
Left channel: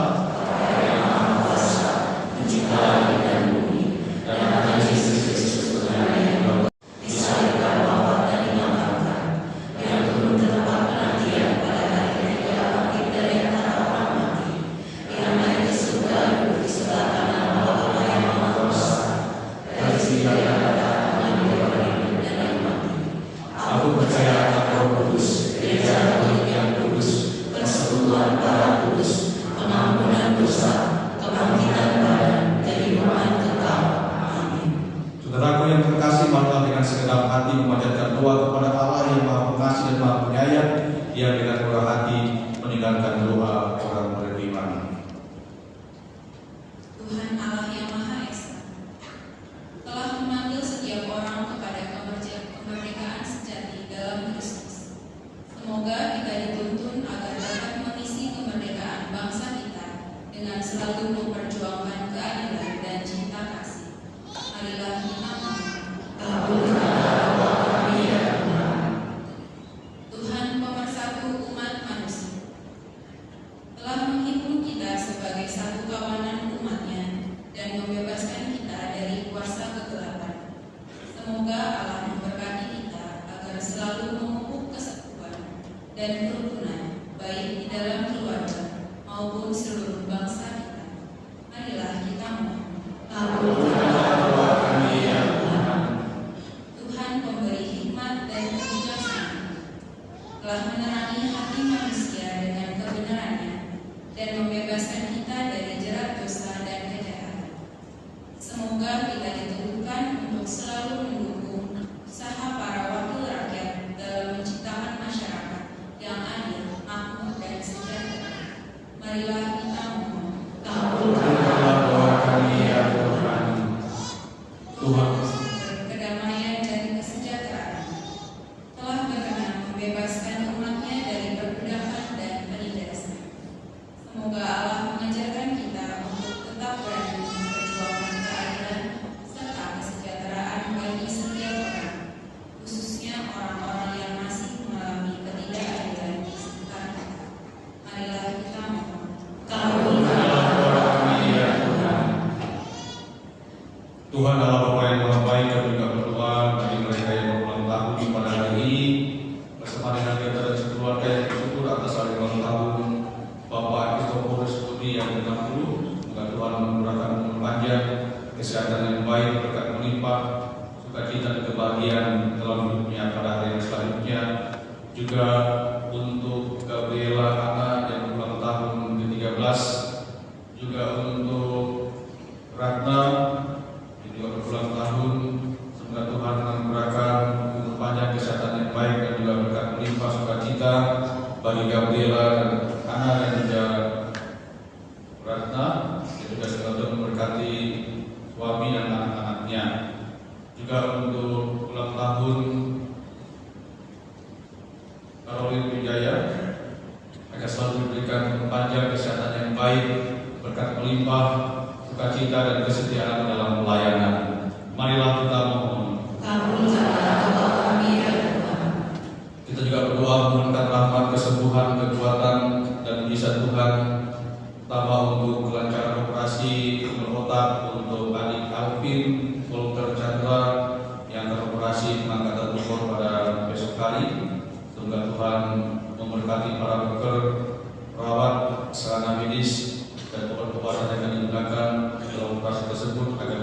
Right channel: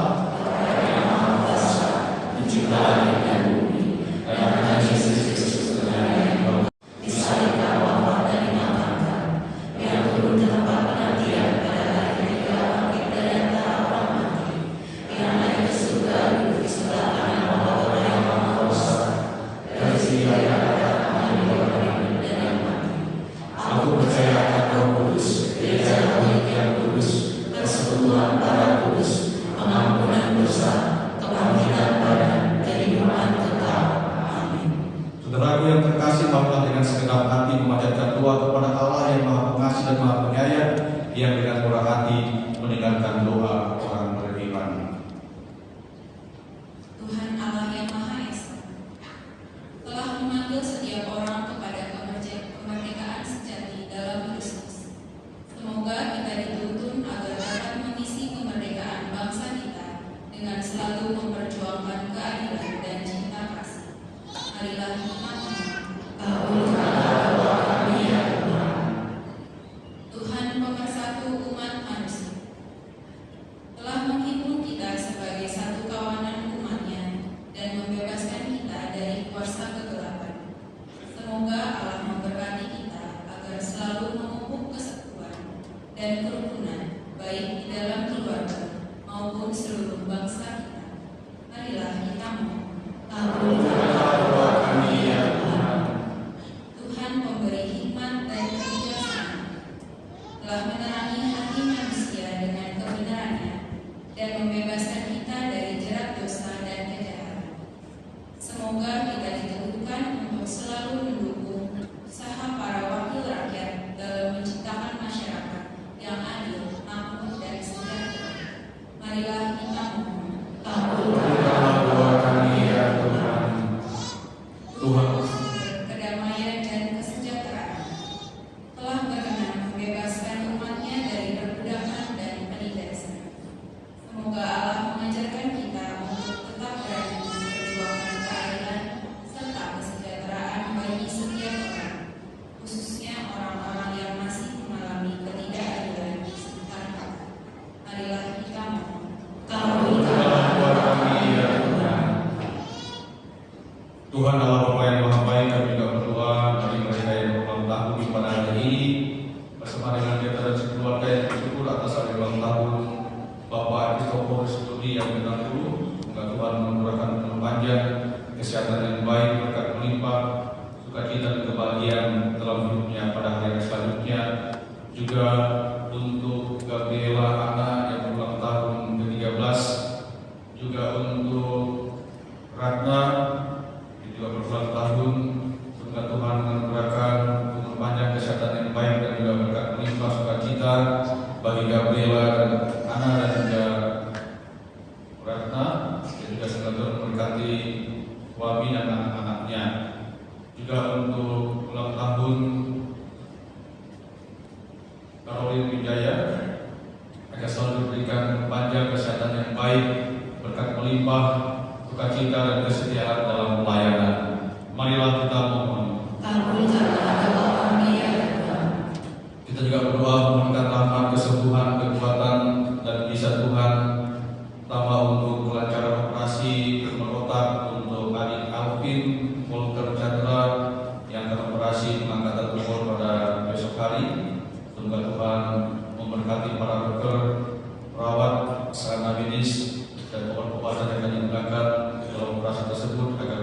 pencipta langit dan bumi, dan akan Yesus Kristus Tuhan yang bisa kita wafat dan dimakamkan, yang turun ke tempat penantian pada hari yang Dia bangkit dari antara orang mati, yang naik ke surga duduk di sebelah kanan Allah yang Maha Kuasa, dari sini Dia akan mengambil orang hidup dan yang mati. Aku percaya akan Roh Kudus, Gereja Katolik yang kudus, persekutuan para kudus, pengampunan dosa, kebangkitan badan, kehidupan kekal. Amin. Saudaraku yang terkasih, marilah dengan segenap hati memanjatkan doa kepada Allah yang Maha Pengasih dan Maha Penyayang, yang dengan murah hati meninggalkan doa orang beriman. Tuhan Allah yang Maha Esa telah memanggil setiap orang kepada kemerdekaan sejati dalam Kristus. Semoga kita dituntun agar dapat mengisi kemerdekaan bangsa kita dengan selalu memperjuangkan keadilan dan cinta kasih. Marilah kita Kabulkanlah doa kami ya Tuhan. Tuhan pemersatu umat manusia telah menghitung kita sebagai satu kawanan umatnya dan membebaskan kita dari kuasa kegelapan. Semoga Allah memberkati kita agar selalu memupuk kesatuan dan kerukunan baik di dalam keluarga maupun seluruh bangsa kita. Marilah kita mohon. Kabulkanlah doa kami ya Tuhan. Tuhan pemberi hikmat dan kebijaksanaan telah menerangi hati manusia dengan kebenarannya dan membebaskan kita dari jerat dosa dan kejahatan. Semoga kita diteguhkan untuk selalu mendukung usaha para wakil rakyat dalam menciptakan masyarakat yang adil, makmur, dan sejahtera. Marilah kita mohon. Kabulkanlah doa kami ya Tuhan. Tuhan, Kedamaian dan kesejahteraan telah berkenan membebaskan umatnya dari perbudakan dan penindasan. Marilah kita mohon. Tuhan Allah Bapa yang Maha Baik, kami juga berdoa bagi mereka yang berulang tahun pada hari ini bersama dengan kita dan sekeluarga yang bersyukur atas hari ulang tahun Bapak Kristoforus Studi yang ke-60. Semoga Tuhan memurahkan umur panjang, kesehatan yang baik, berkat melimpah, sukacita dan kebahagiaan dalam hidupnya pada hari yang selanjutnya. Juga untuk Gabriela Ana yang berulang tahun ke-13, juga untuk Ratna juga berulang tahun. Semoga Tuhan memurahkan umur panjang, kesehatan yang baik dan juga berkat melimpah sukacita bagi Gabriela dan Ana dan juga Ratna, dan juga semoga memberkati suami dan anak-anaknya. Juga untuk ulang tahun Karolin Wijaya, agar selalu diberikan panjang, kesehatan yang baik, berkat melimpah, sukacita dan kesetiaan dalam pelayanan. Marilah kita mohon. Kita juga berdoa memohonkan rahmat, kesembuhan, kekuatan dan bisa Tuhan, tambah untuk kelancaran operasi tumor otak untuk adik Alvin Walter Chandra yang akan operasi pengangkatan tumor pada besok hari. Semoga Tuhan memberkati para dokter, perawat, sarana medis dan obat-obatan yang akan digunakan dalam operasi tersebut agar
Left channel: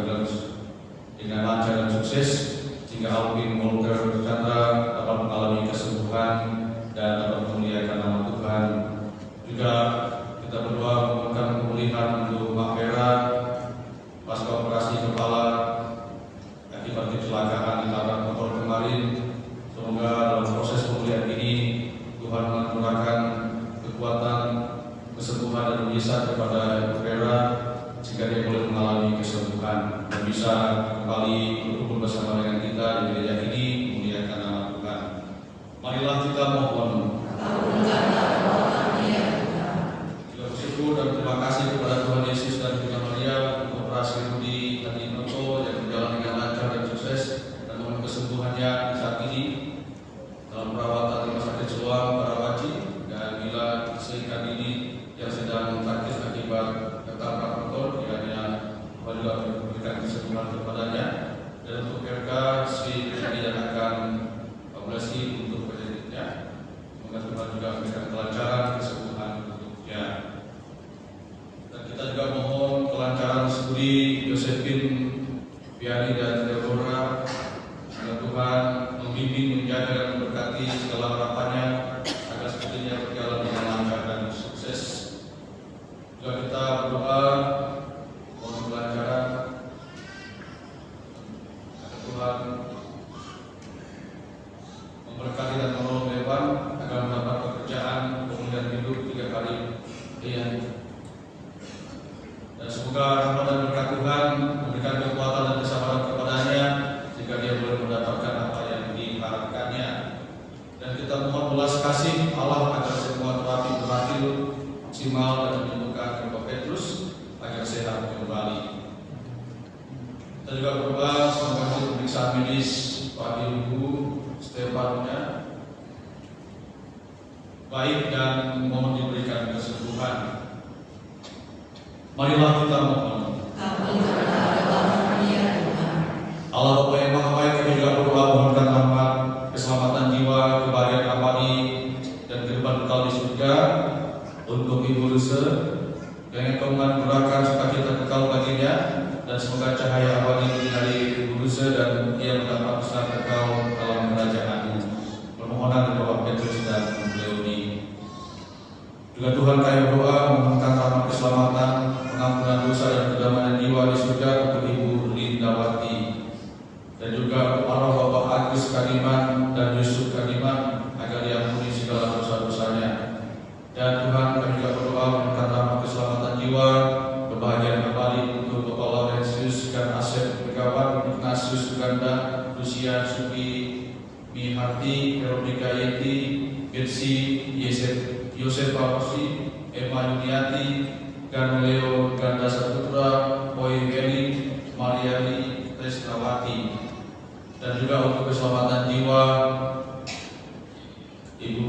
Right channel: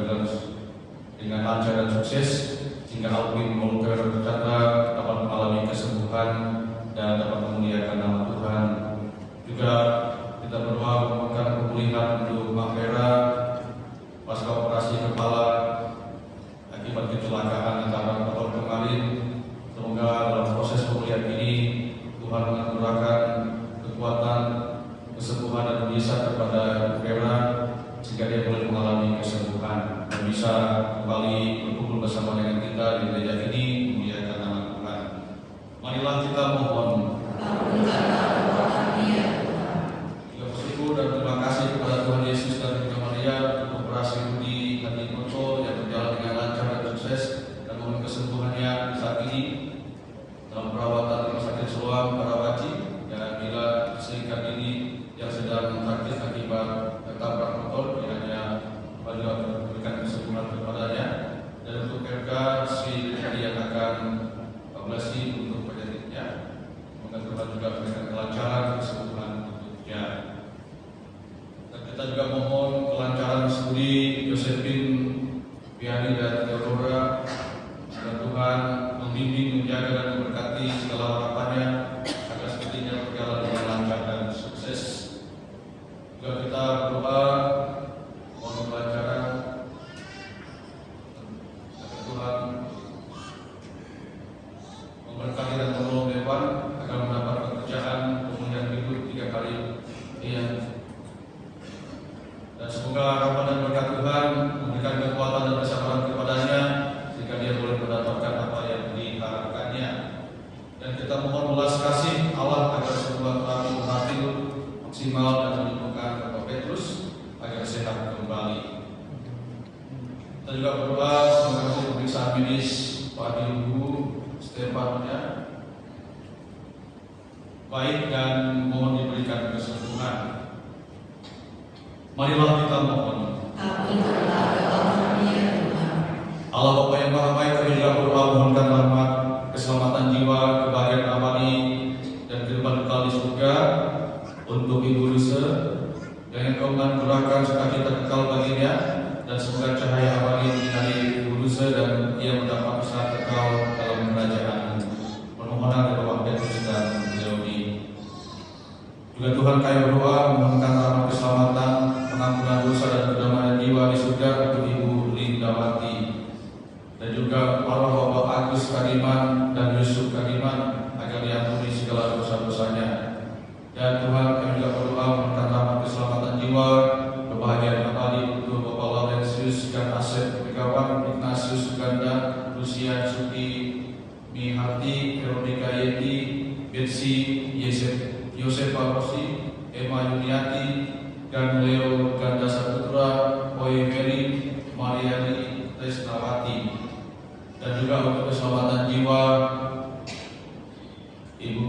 dengan lancar dan sukses, sehingga Alvin Walter Chandra dapat mengalami kesembuhan dan dapat memuliakan nama Tuhan. Juga kita berdoa memohonkan pemulihan untuk Mak Vera pasca operasi kepala akibat kecelakaan di tabrak motor kemarin. Semoga dalam proses pemulihan ini Tuhan menurunkan kekuatan, kesembuhan dan mujizat kepada Vera sehingga dia boleh mengalami kesembuhan dan bisa kembali berkumpul bersama dengan kita di gereja ini memuliakan nama Tuhan. Marilah kita mohon. Kita bersyukur dan terima kasih kepada Tuhan Yesus dan Bikira Maria untuk operasi Rudi Hadinoto yang berjalan dengan lancar dan sukses, dan mohon kesembuhannya saat ini dalam perawatan rumah sakit Soang Karawaci, dan bila seikat ini yang sedang sakit akibat tertabrak motor, kiranya Tuhan juga memberikan kesembuhan kepadanya. Dan untuk RK Sri dinyatakan Lesti untuk penyakitnya, semoga Tuhan juga memberikan kelancaran, kesembuhan untuknya. Dan kita juga mohon kelancaran studi Josephine, Viani dan Theodora. Semoga Tuhan membimbing, menjaga dan memberkati segala harapannya agar sepertinya berjalan dengan lancar dan sukses. Juga kita berdoa mohon kelancaran agar Tuhan memberkati dan menolong Dewan agar mendapat pekerjaan, kemudian hidup 3 kali lipat. Dan semoga rahmat dan berkat Tuhan memberikan kekuatan dan kesabaran kepadanya sehingga dia boleh mendapatkan apa yang diharapkannya. Dan kita mohon belas kasih Allah agar semua terapi berhasil maksimal dan menyembuhkan Bapak Petrus agar sehat kembali. Kita juga berdoa semoga hasil pemeriksaan medis Pak Ibu Stefania baik dan mohon diberikan kesembuhan. Marilah kita mohon. Allah Bapa yang Maha Baik, kami juga berdoa mohonkan rahmat, keselamatan jiwa, kebahagiaan abadi dan kehidupan kekal di surga untuk Ibu Luse, dan yang Kau menganugerahkan sukacita kekal baginya, dan semoga cahaya abadi menyinari Ibu Luse dan ia mendapat kesenangan kekal dalam kerajaan. Permohonan dari Bapak Petrus dan Leoni. Juga Tuhan kami berdoa memohonkan rahmat, keselamatan, pengampunan dosa dan kedamaian jiwa di surga untuk Ibu Lindawati, dan juga para Bapak Agus Kadiman dan Yusuf Kadiman agar diampuni segala dosa-dosanya. Dan Tuhan kami juga berdoa memohonkan rahmat, keselamatan jiwa, kebahagiaan abadi untuk Bapak Laurentius dan Asep Pekawan, Ignatius Suganda, Lucian Suki, Miharti, Veronica Yeti, Betsy, Yosefa Rosi, Emma Yuniati, Ganleo Ganda Saputra, Boy Mary, Mariani Tresnawati. Dan juga untuk keselamatan jiwa Ibu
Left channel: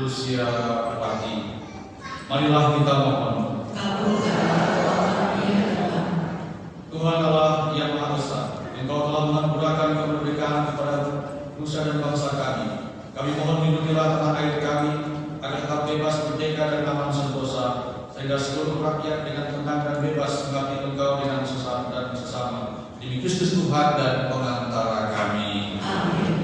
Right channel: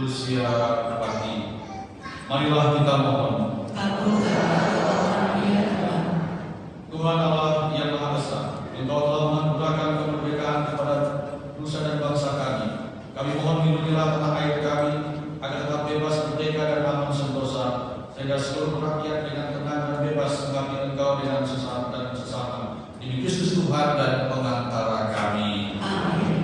berusia bakti. Marilah kita mohon. Tuhan Allah yang Maha Esa, Engkau telah menganugerahkan kemerdekaan kepada nusa dan bangsa kami. Kami mohon lindungilah tanah air kami agar tetap bebas, merdeka dan aman sentosa, sehingga seluruh rakyat dengan tenang dan bebas mengabdi Engkau dengan sesama dan sesama. Demi Kristus Tuhan dan pengantara kami. Amin.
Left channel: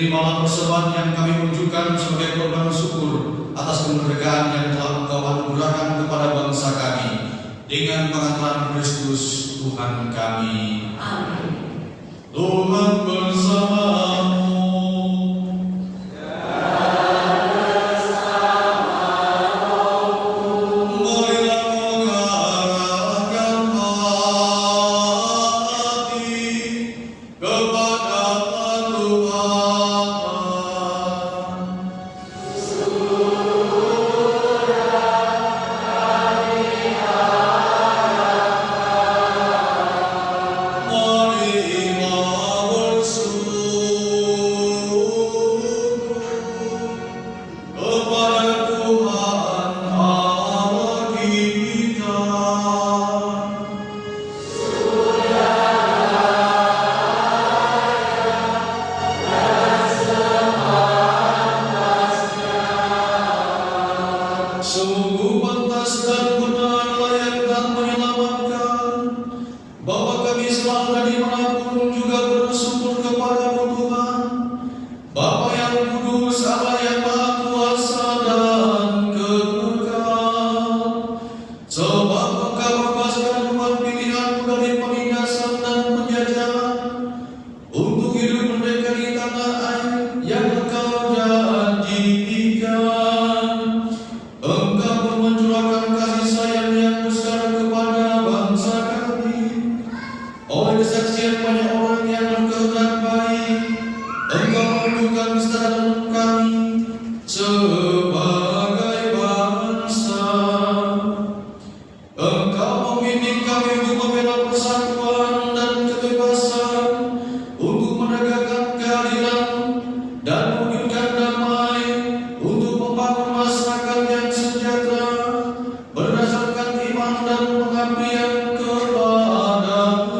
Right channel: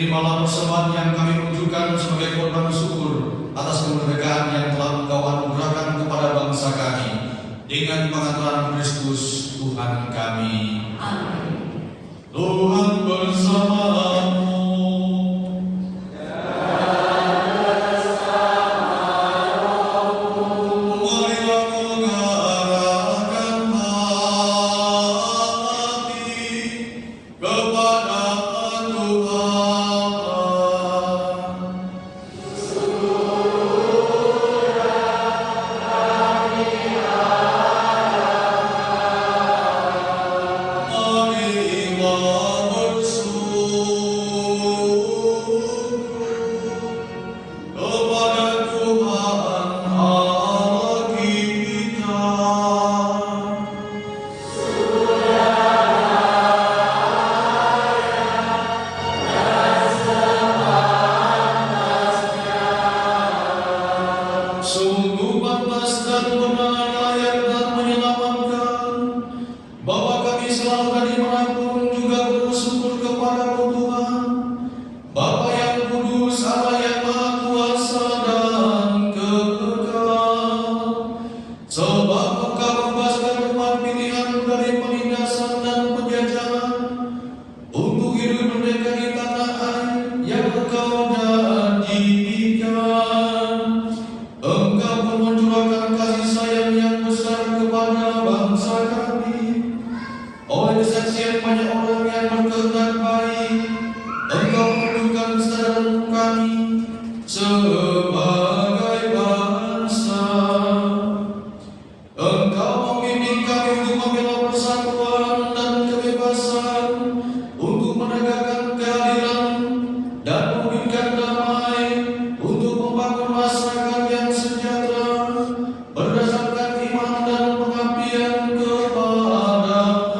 Terimalah persembahan yang kami tunjukkan sebagai korban syukur atas kemerdekaan yang telah Engkau anugerahkan kepada bangsa kami dengan pengaturan Kristus Tuhan kami. Amin. Tuhan bersamamu. Marilah mengarahkan hati kepada Tuhan. Sungguh pantas dan benar, layak dan menyelamatkan, bahwa kami selalu dan dimanapun juga bersyukur kepada-Mu Tuhan, Bapa yang kudus, Allah yang maha kuasa dan kekal. Sebab Engkau membebaskan umat pilihan-Mu dari penindasan dan penjajahan, untuk hidup merdeka di tanah air yang Engkau janjikan. Engkau pun mencurahkan kasih sayang yang besar kepada bangsa kami. Oleh kesaksian banyak orang yang berkehendak baik, Engkau menundukkan kesadaran kami sebagai bangsa. Engkau membimbing kami untuk membela persatuan dan kebebasan, untuk menegakkan keadilan dan mewujudkan damai, untuk membangun masyarakat yang sejahtera berdasarkan iman dan pengabdian kepada-Mu.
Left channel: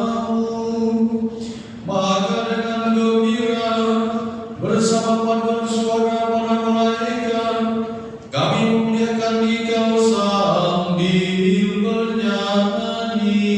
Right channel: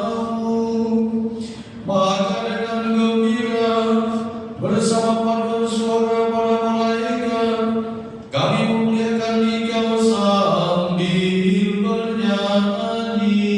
Maka dengan gembira bersama paduan suara para malaikat, kami memuliakan Dikau sambil bernyanyi.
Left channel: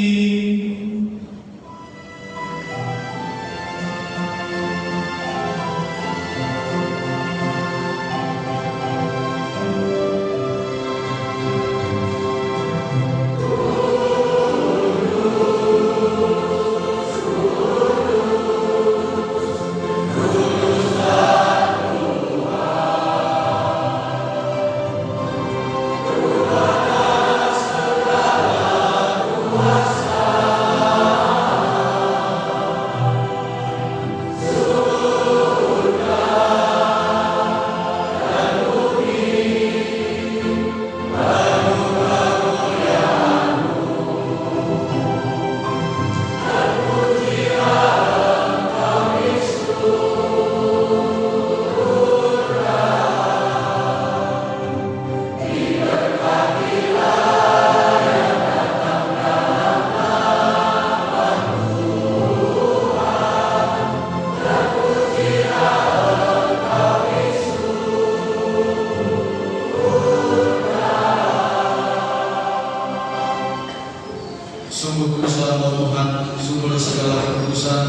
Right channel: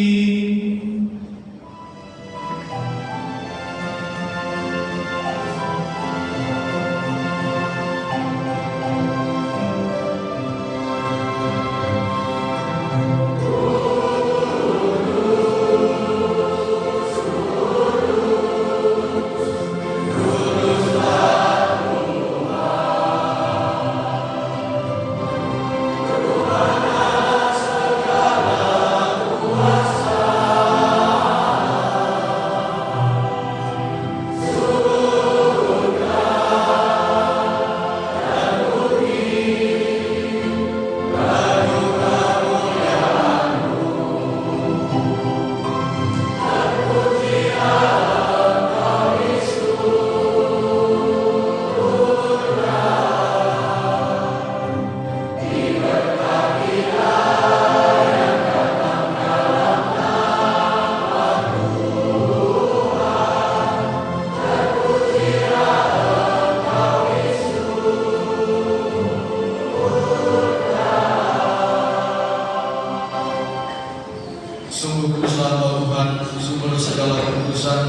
Sungguh kuduslah Engkau Tuhan, sumber segala kekudusan.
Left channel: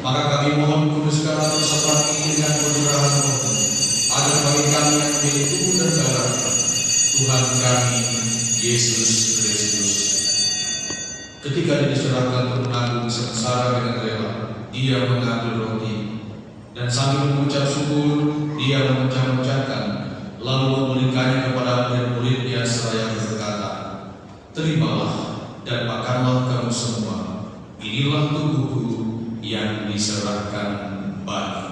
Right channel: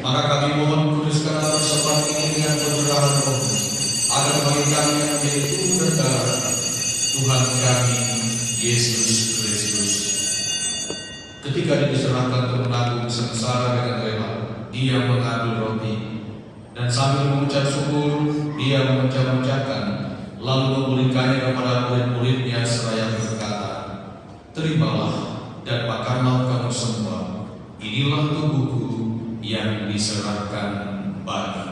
Maka kami mohon kuduskanlah persembahan ini dengan pencurahan Roh, agar bagi kami yang menjadi tubuh dan darah Tuhan kami Yesus Kristus. Ketika Dia diserahkan untuk menanggung sengsara dengan rela, Dia mengambil roti dan sambil mengucap syukur Dia memecah-mecahkan, lalu memberikannya kepada murid-muridnya seraya berkata, "Terimalah dan makanlah kamu semua. Inilah tubuhku yang diserahkan bagi."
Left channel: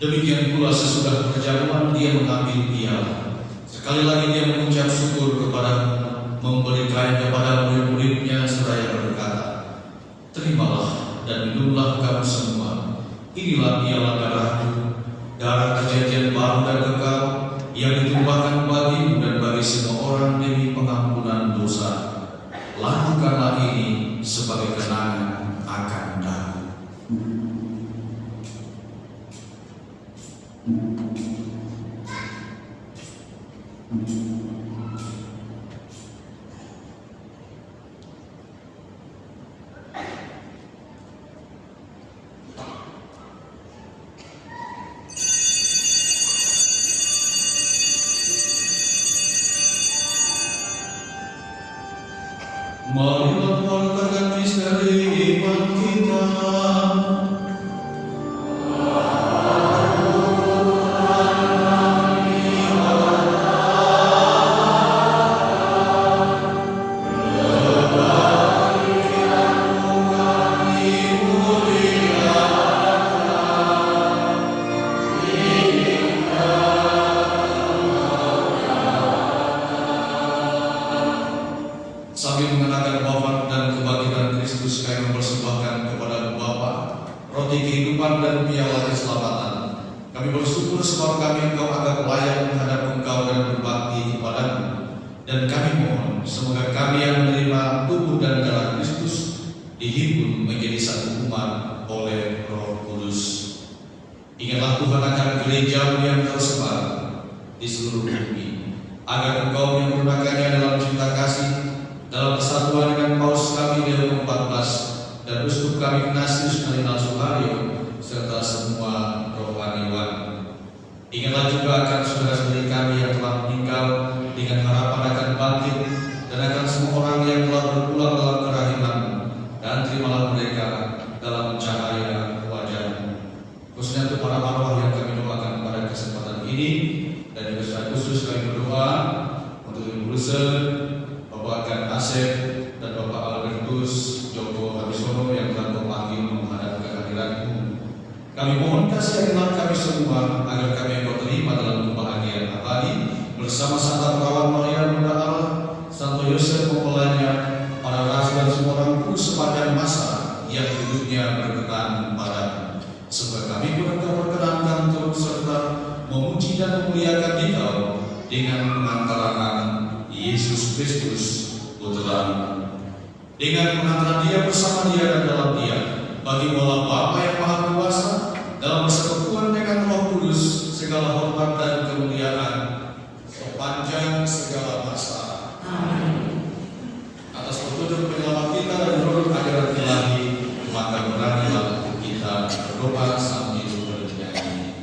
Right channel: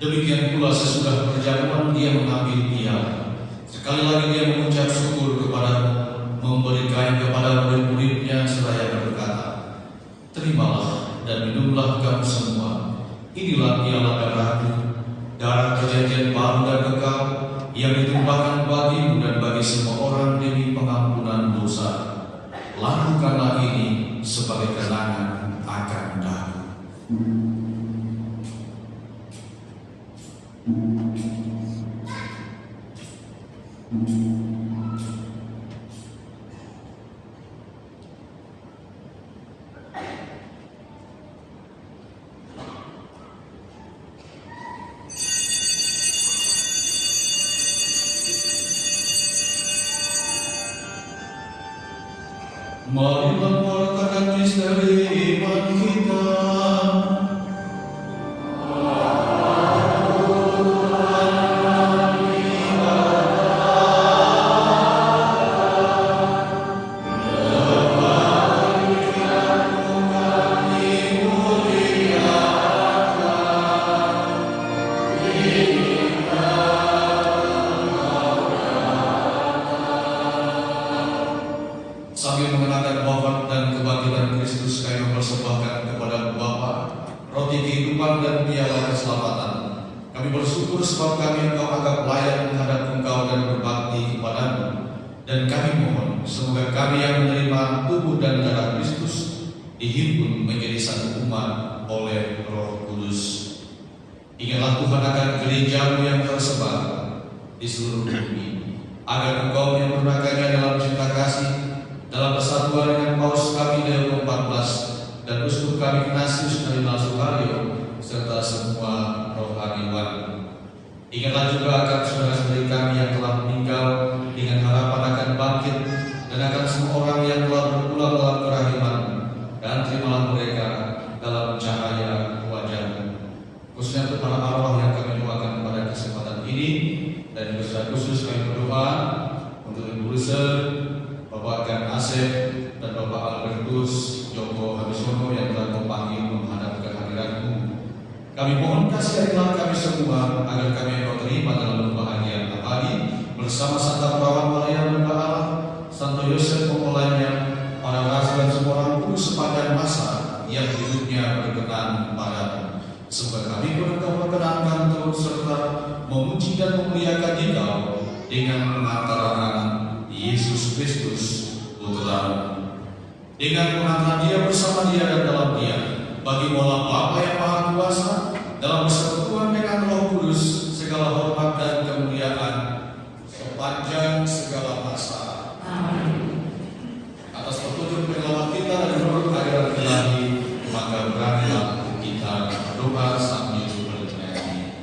Demikian pula sesudah perjamuan Dia mengambil piala. Sekali lagi Dia mengucap syukur kepada-Mu, memberikan kepada murid-muridnya seraya berkata, "Terimalah dan minumlah kamu semua. Inilah piala darah-Ku, darah perjanjian baru dan kekal, yang ditumpahkan bagimu dan bagi semua orang demi pengampunan lakukanlah ini sebagai kenangan akan Kami. Marilah wartakan misteri iman kita. Sambil mengenakan wafat dan kebangkitan Kristus, kami mempersembahkan kepada Bapa roti kehidupan dan piala keselamatan. Kami bersyukur sebab kami Engkau anggap layak menghadap Engkau dan berbakti kepadamu. Dan kami mohon semoga kami yang menerima tubuh dan darah Kristus dihimpun menjadi satu umat oleh Roh Kudus. Ingatlah Tuhan akan gereja-Mu yang tersebar di seluruh bumi, agar Engkau menyempurnakannya dalam cinta kasih, dalam persatuan dengan Paus kami Leo XIV dan Uskup kami Ignatius Kardinal Suharyo serta semua rohaniwan. Ingatlah juga akan saudara-saudari kami yang telah meninggal dengan harapan akan bangkit, dan akan semua orang yang telah berpulang dalam kerahiman, dan terimalah mereka dalam cahaya wajah-Mu. Khususnya untuk para arwah yang kami doakan pada kesempatan ini, dan juga khusus kami berdoa untuk Ibu Rusel, Bapak Gan Asep, dan Bapak Albertus Joko Habisono yang telah Kau panggil menghadap kehadiran-Mu. Kami mohon kasih kami semua agar kami Kau terima dalam kebahagiaan abadi bersama Santa Perawan Maria Bunda Allah, Santo Yosef Pemulanya, para rasul dan semua orang kudus sepanjang masa yang hidupnya berkenan padamu. Sebab kami Engkau perkenankan turut serta memuji dan memuliakan Dikau dengan pengantaran Yesus Kristus Putra-Mu. Dengan pengantaran Dia bersama Dia dan dalam Dia, bagi Allah Bapa yang Maha Kuasa, dalam persekutuan dengan Roh Kudus, segala hormat dan kemuliaan sepanjang segala masa. Amin. Atas petunjuk penyelamat kita dan menurut ajaran ilahi, maka beranilah kita berdoa sambil bernyanyi.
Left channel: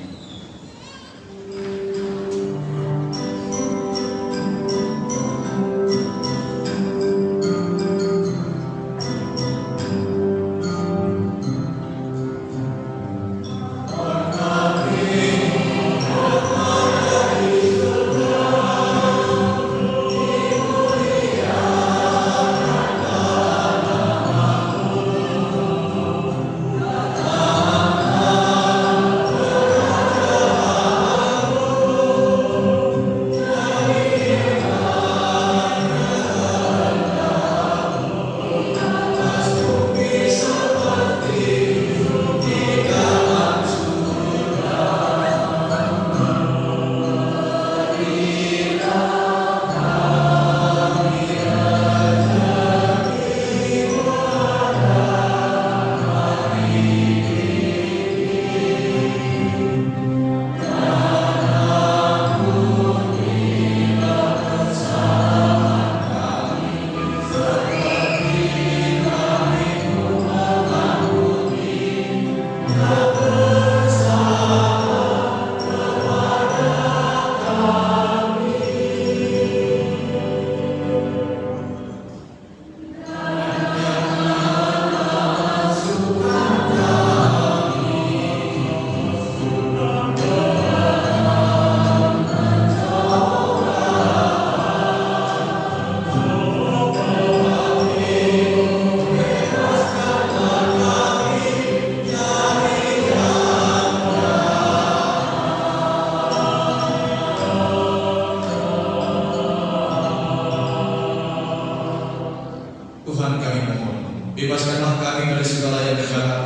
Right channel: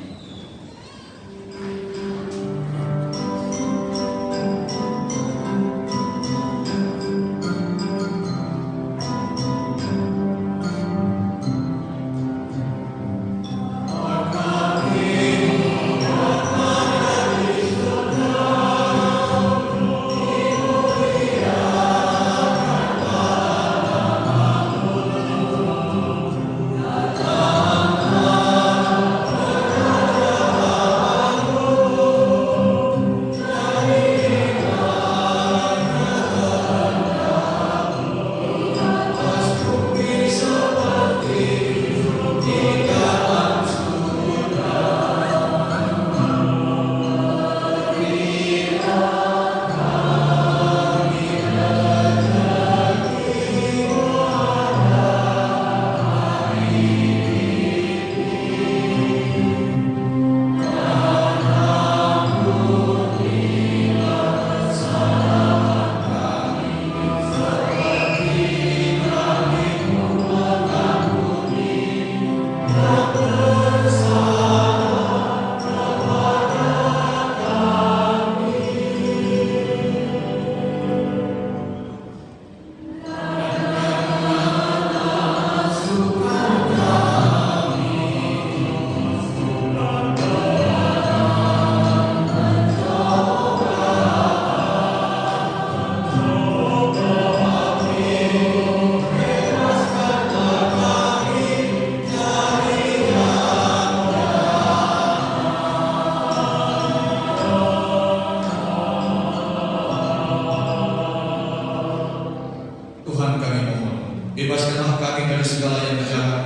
Tuhan kami mohon, bebaskanlah kami dari segala yang jahat,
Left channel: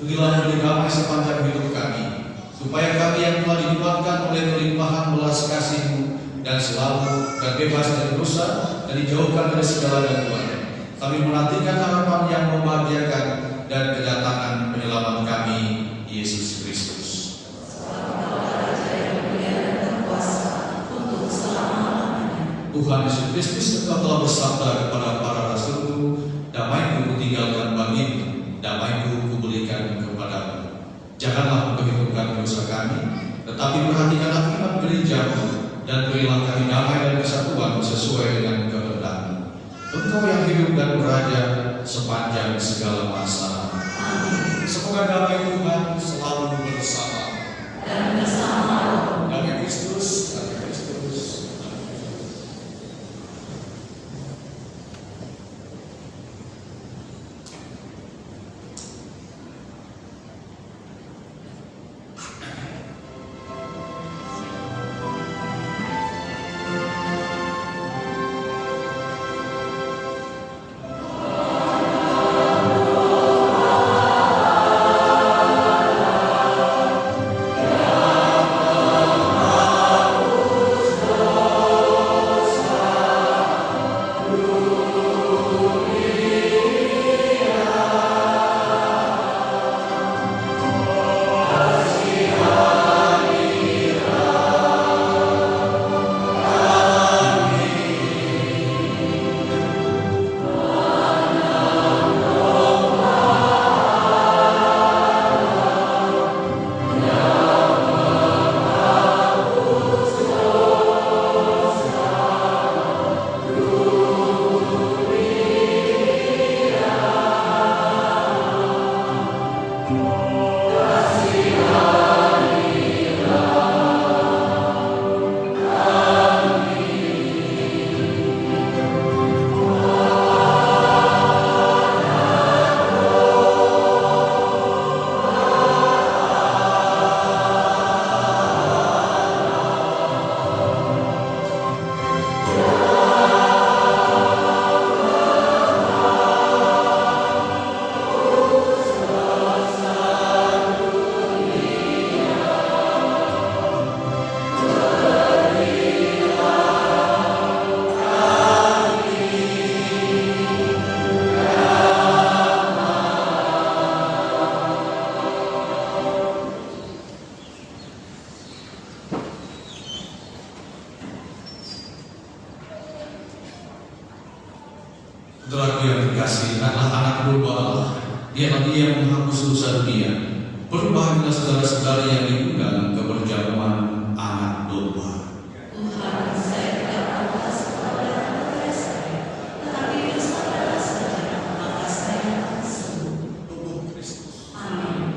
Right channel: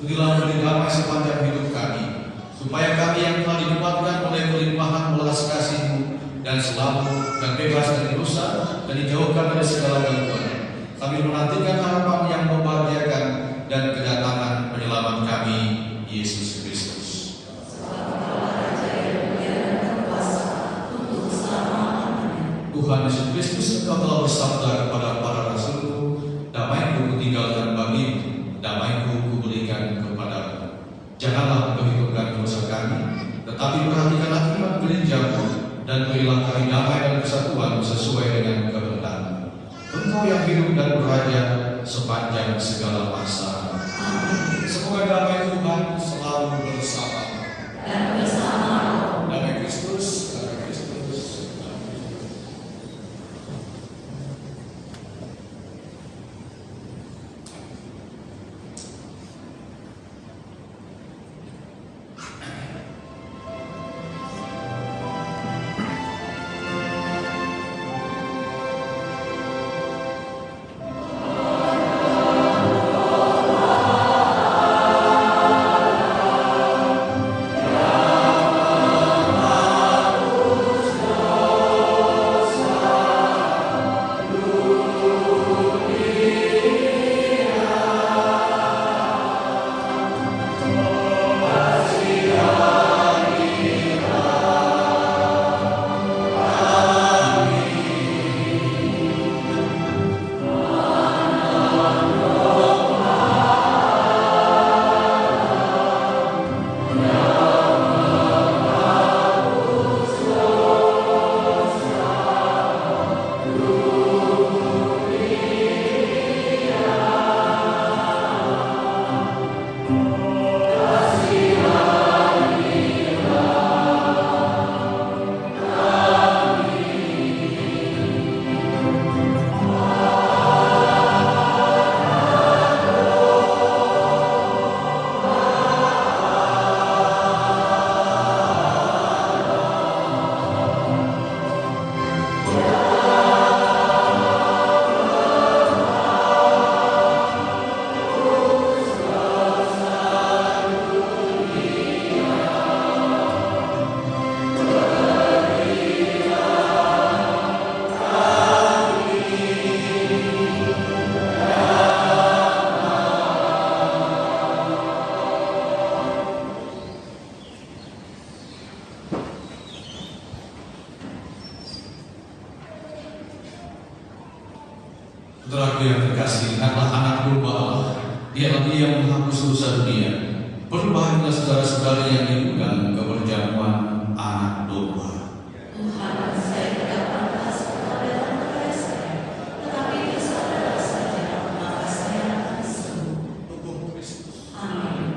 berilah kami damai sepanjang hidup kami, supaya kami yang telah dinikmatkan oleh kelimpahan belas kasih-Mu dan selalu dan bebas dari dosa dan dijauhkan dari segala gangguan. Kami menantikan harapan yang membahagiakan dan kedatangan penyelamat kami, Yesus Kristus. Tuhan Yesus Kristus, Engkau telah bersabda kepada para rasul-Mu, damai-Ku kutinggalkan bagimu, damai-Ku kuberikan kepadamu. Janganlah memperhitungkan dosa kami, tetapi perhatikanlah iman gereja-Mu, dan berilah kami damai dan kesatuan sesuai dengan kehendak-Mu. Engkau yang hidup dan beraja sepanjang segala masa. Amin. Semoga damai Tuhan selalu bersama Dan bersama damai Kristus, damai Kristus. Saudaraku yang terkasih, anak-anak domba Allah, Dialah Dia yang menghapus dosa dunia. Berbahagialah saudara-saudara yang diundang ke perjamuan anak domba. Tuhan, saya tidak pantas kepada kepada saya, tetapi bersabarlah saja, maka saya akan sembuh. Tubuh Kristus. Amin.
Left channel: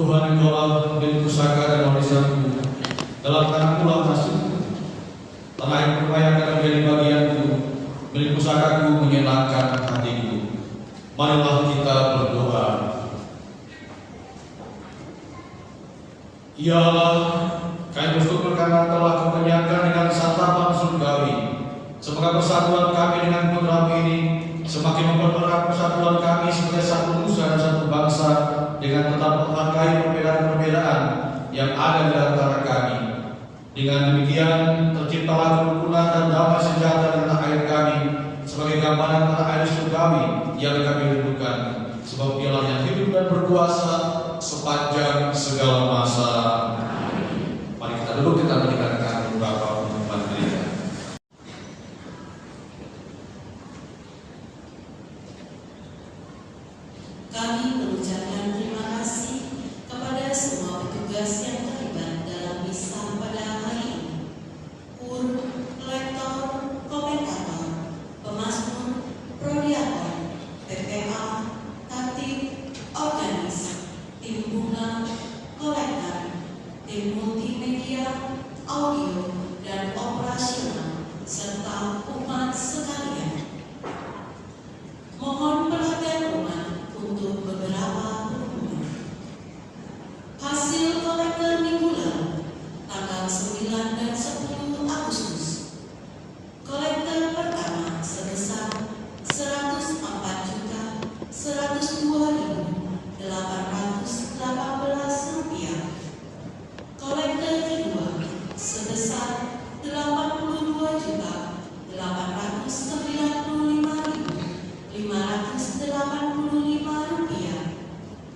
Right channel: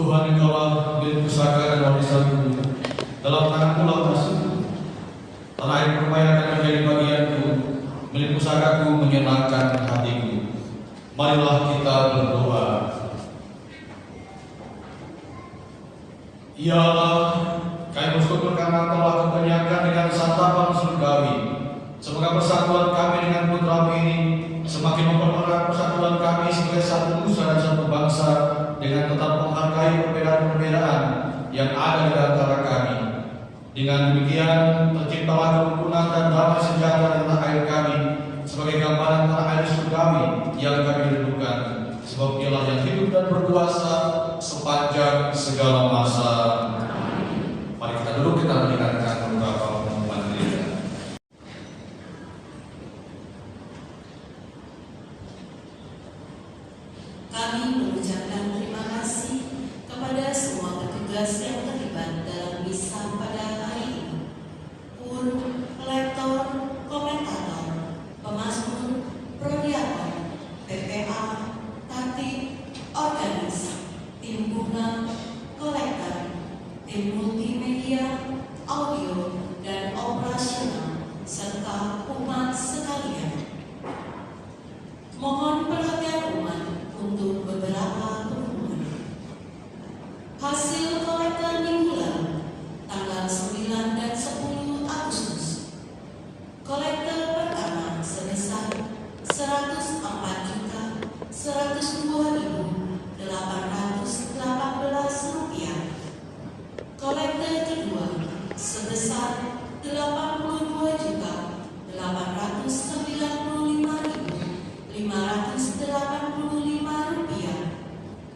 Tuhan yang telah beri pusaka dan warisanku dalam tanah pulau masuk tanah yang berupaya akan menjadi bagianku, beri pusakaku menyenangkan hatiku. Marilah kita berdoa. Ya Allah, kami bersyukur karena telah Kau kenyangkan dengan santapan surgawi. Semoga persatuan kami dengan putra ini semakin mempererat persatuan kami sebagai satu nusa dan satu bangsa, dengan tetap menghargai perbedaan-perbedaan yang ada di antara kami. Dengan demikian terciptalah kerukunan dan damai sejahtera di tanah air kami sebagai gambaran tanah air surgawi yang kami rindukan. Sebab Dialah yang hidup dan berkuasa sepanjang segala masa. Mari kita duduk, kita mendengarkan beberapa pengumuman gereja. Kami mengucapkan terima kasih kepada semua petugas yang terlibat dalam misa pada hari ini. Kur, lektor, komentator, pemazmur, prodiakon, PPA, tatib, organis, tim bunga, kolektor, tim multimedia, audio, dan operasional, serta umat sekalian. Mohon perhatian umat untuk beberapa pengumuman. Hasil kolektor minggu lalu, tanggal 9 dan 10 Agustus. Kolektor pertama sebesar Rp104.102.818. Kolektor kedua sebesar Rp892.895.585,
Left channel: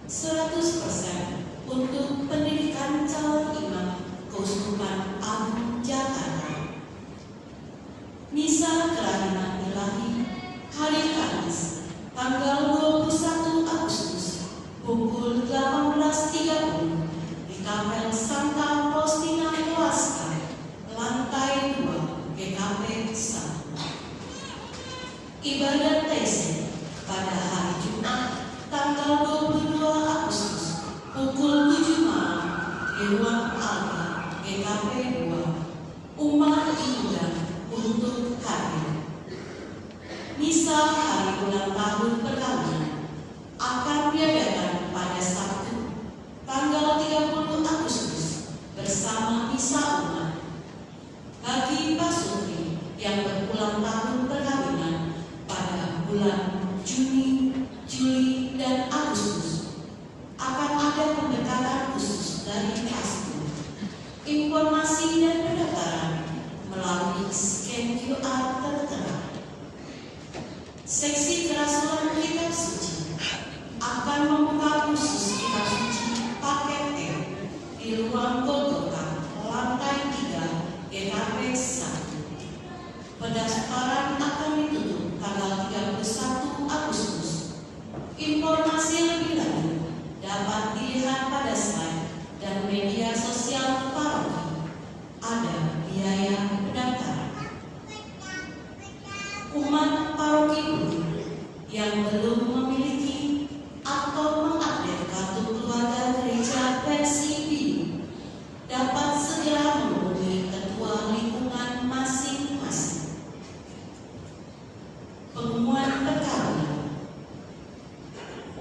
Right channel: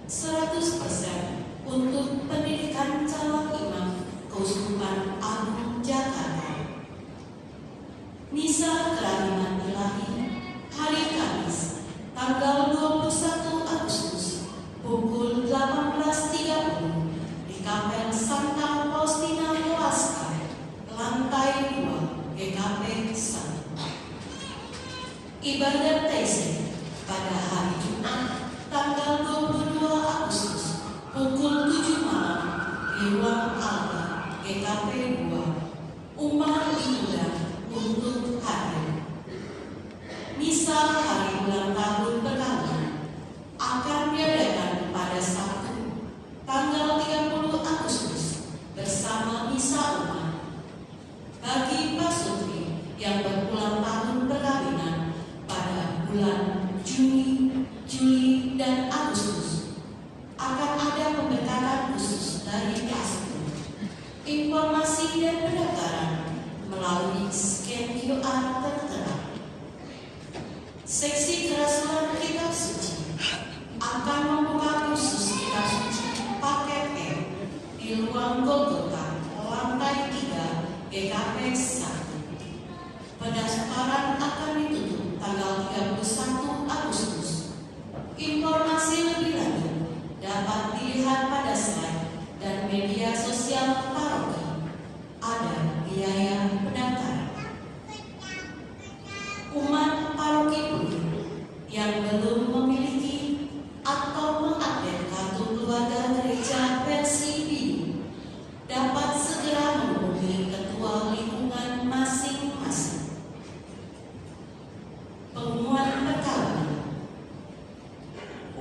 100% untuk pendidikan calon imam Keuskupan Agung Jakarta. Misa Kerahiman Ilahi hari Kamis tanggal 21 Agustus pukul 18.30 di Kapel Santa Faustina Kowalska, lantai 2 GKP 1. Ibadat TC pada hari Jumat tanggal 22 Agustus pukul 7 malam di ruang Alba GKP 2. Umat diundang untuk hadir. Misa hari ulang tahun perkawinan akan diadakan pada Sabtu tanggal 30 Agustus bersama misa umat. Bagi pasutri yang berulang tahun perkawinan pada bulan Juni, Juli, dan Agustus, akan ada pemberkatan khusus dari Kasku. Informasi dan pendaftaran melalui scan QR tertera. Seksi kerasulan kitab suci akan membuka khusus kitab suci paket E di ruang Golgota, lantai 3 GKP 1. Pendaftaran akan ditutup tanggal 31 Agustus. Informasi lebih lanjut dapat dilihat pada slide dan media sosial paroki. Ada biaya pendaftaran. Umat paroki Budi yang belum memiliki atau mengupdate kartu keluarga gereja versi biru dapat segera menghubungi ketua lingkungan masing-masing. Pengumuman perkawinan.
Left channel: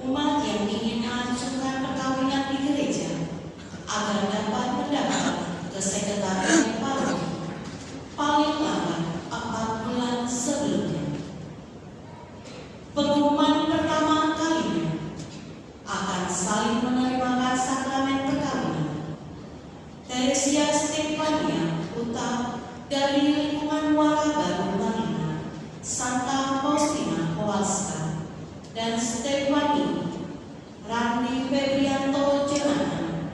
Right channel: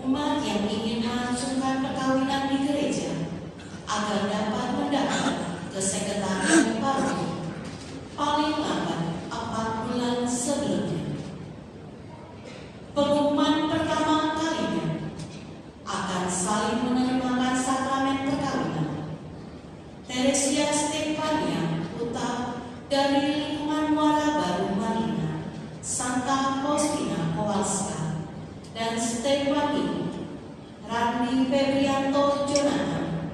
Umat yang ingin mengajukan perkawinan di gereja agar dapat mendaftar ke sekretariat paroki paling lambat 4 bulan sebelumnya. Pengumuman pertama kalinya akan saling menerimakan sakramen perkawinan. Teresia Stefania Putra dari lingkungan Muara Baru Marina, Santa Faustina Kowalska, dan Stefani Randi Febrianto Jonathan,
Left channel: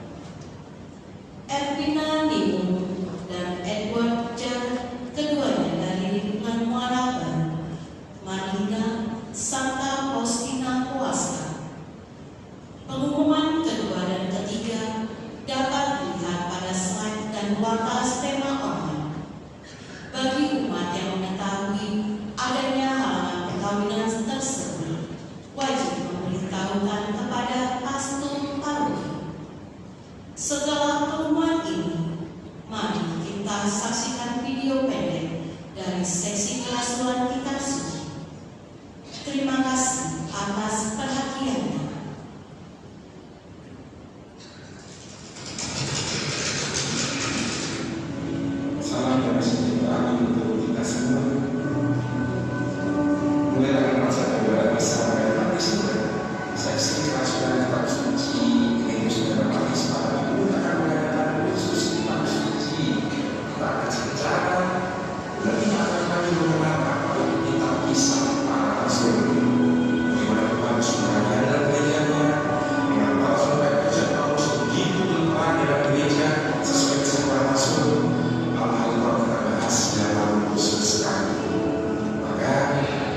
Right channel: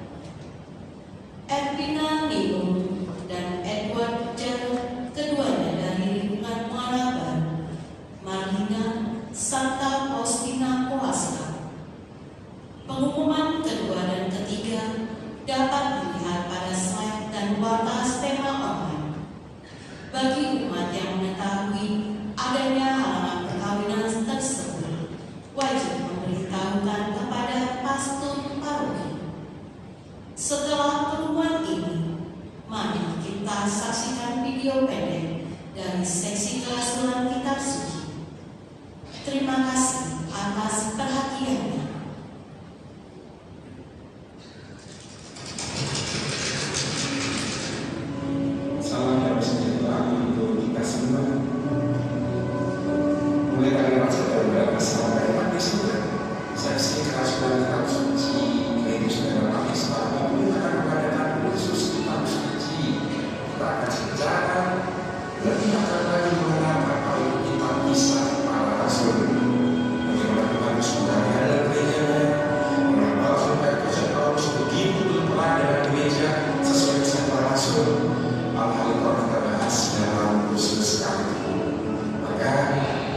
Ervina Nimum, dan Edward Jan, keduanya dari lingkungan Muara Baru Marina, Santa Faustina Kowalska. Pengumuman kedua dan ketiga dapat dilihat pada slide dan warta tema online. Bagi umat yang mengetahui adanya halangan perkawinan tersebut, wajib memberitahukan kepada pastor paroki Setelah pengumuman ini, mari kita saksikan video pendek dari seksi kelas Tuhan Kitab Suci. Terima kasih atas perhatiannya. Salam damai sejahtera untuk kita semua. Mulai dari saudara bisa mendapat di surga. Seksi kerasulan kitab suci Gereja Dramatis malam itu akan mengadakan khusus kitab suci. Kita akan secara lebih akan lagi mengenal apa itu kitab kisah para rasul. Bagaimana Tuhan semuanya dalam gerejanya, mengapa sampai Raja Paulus begitu berperan dalam gereja sesuai kisah para rasul. Hal-hal itu akan kita bahas dalam khusus sekali. Maka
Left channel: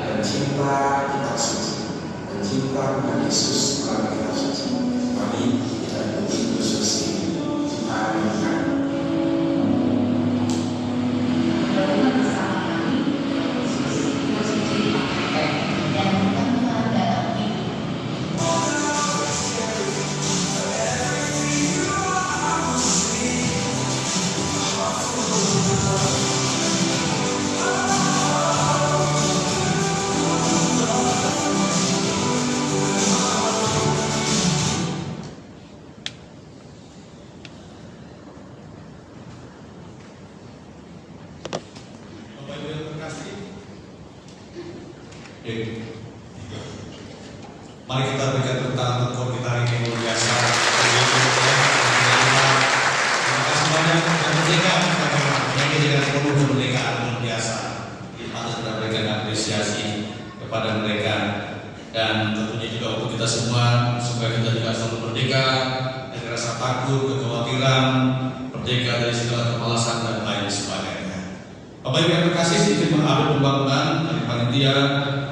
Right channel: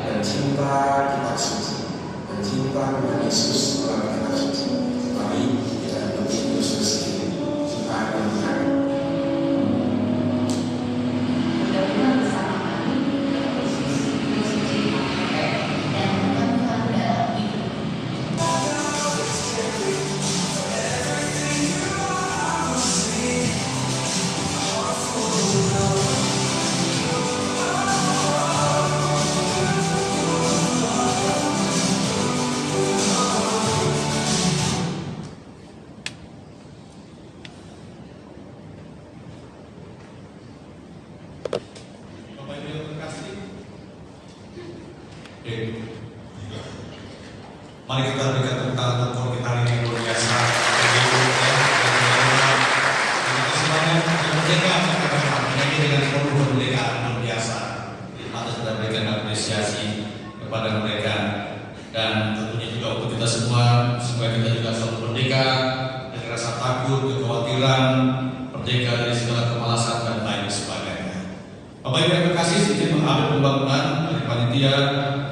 pencinta kitab suci, pencinta Tuhan Yesus dalam kitab suci, mari kita ikuti khusus ini. Kita akan melihat Mudah-mudahan bersama kami Yesus suci dan Tuhan dalam hidup. Bapak Ibu yang terkasih, mari kita berikan tepuk tangan untuk Tuhan kita hari ini yang luar biasa. Terima kasih banyak kemerdekaan ini dengan penuh kemerdekaan luar biasa. Terima kasih sudah berikan apresiasi kepada mereka dan tentunya juga untuk kita semua supaya kita juga selalu merdeka dari rasa takut, kekhawatiran, merdeka dari segala kemalasan dan lain sebagainya. Bapak Ibu yang terkasih, sedikit mengupdate pembangunan dari panitia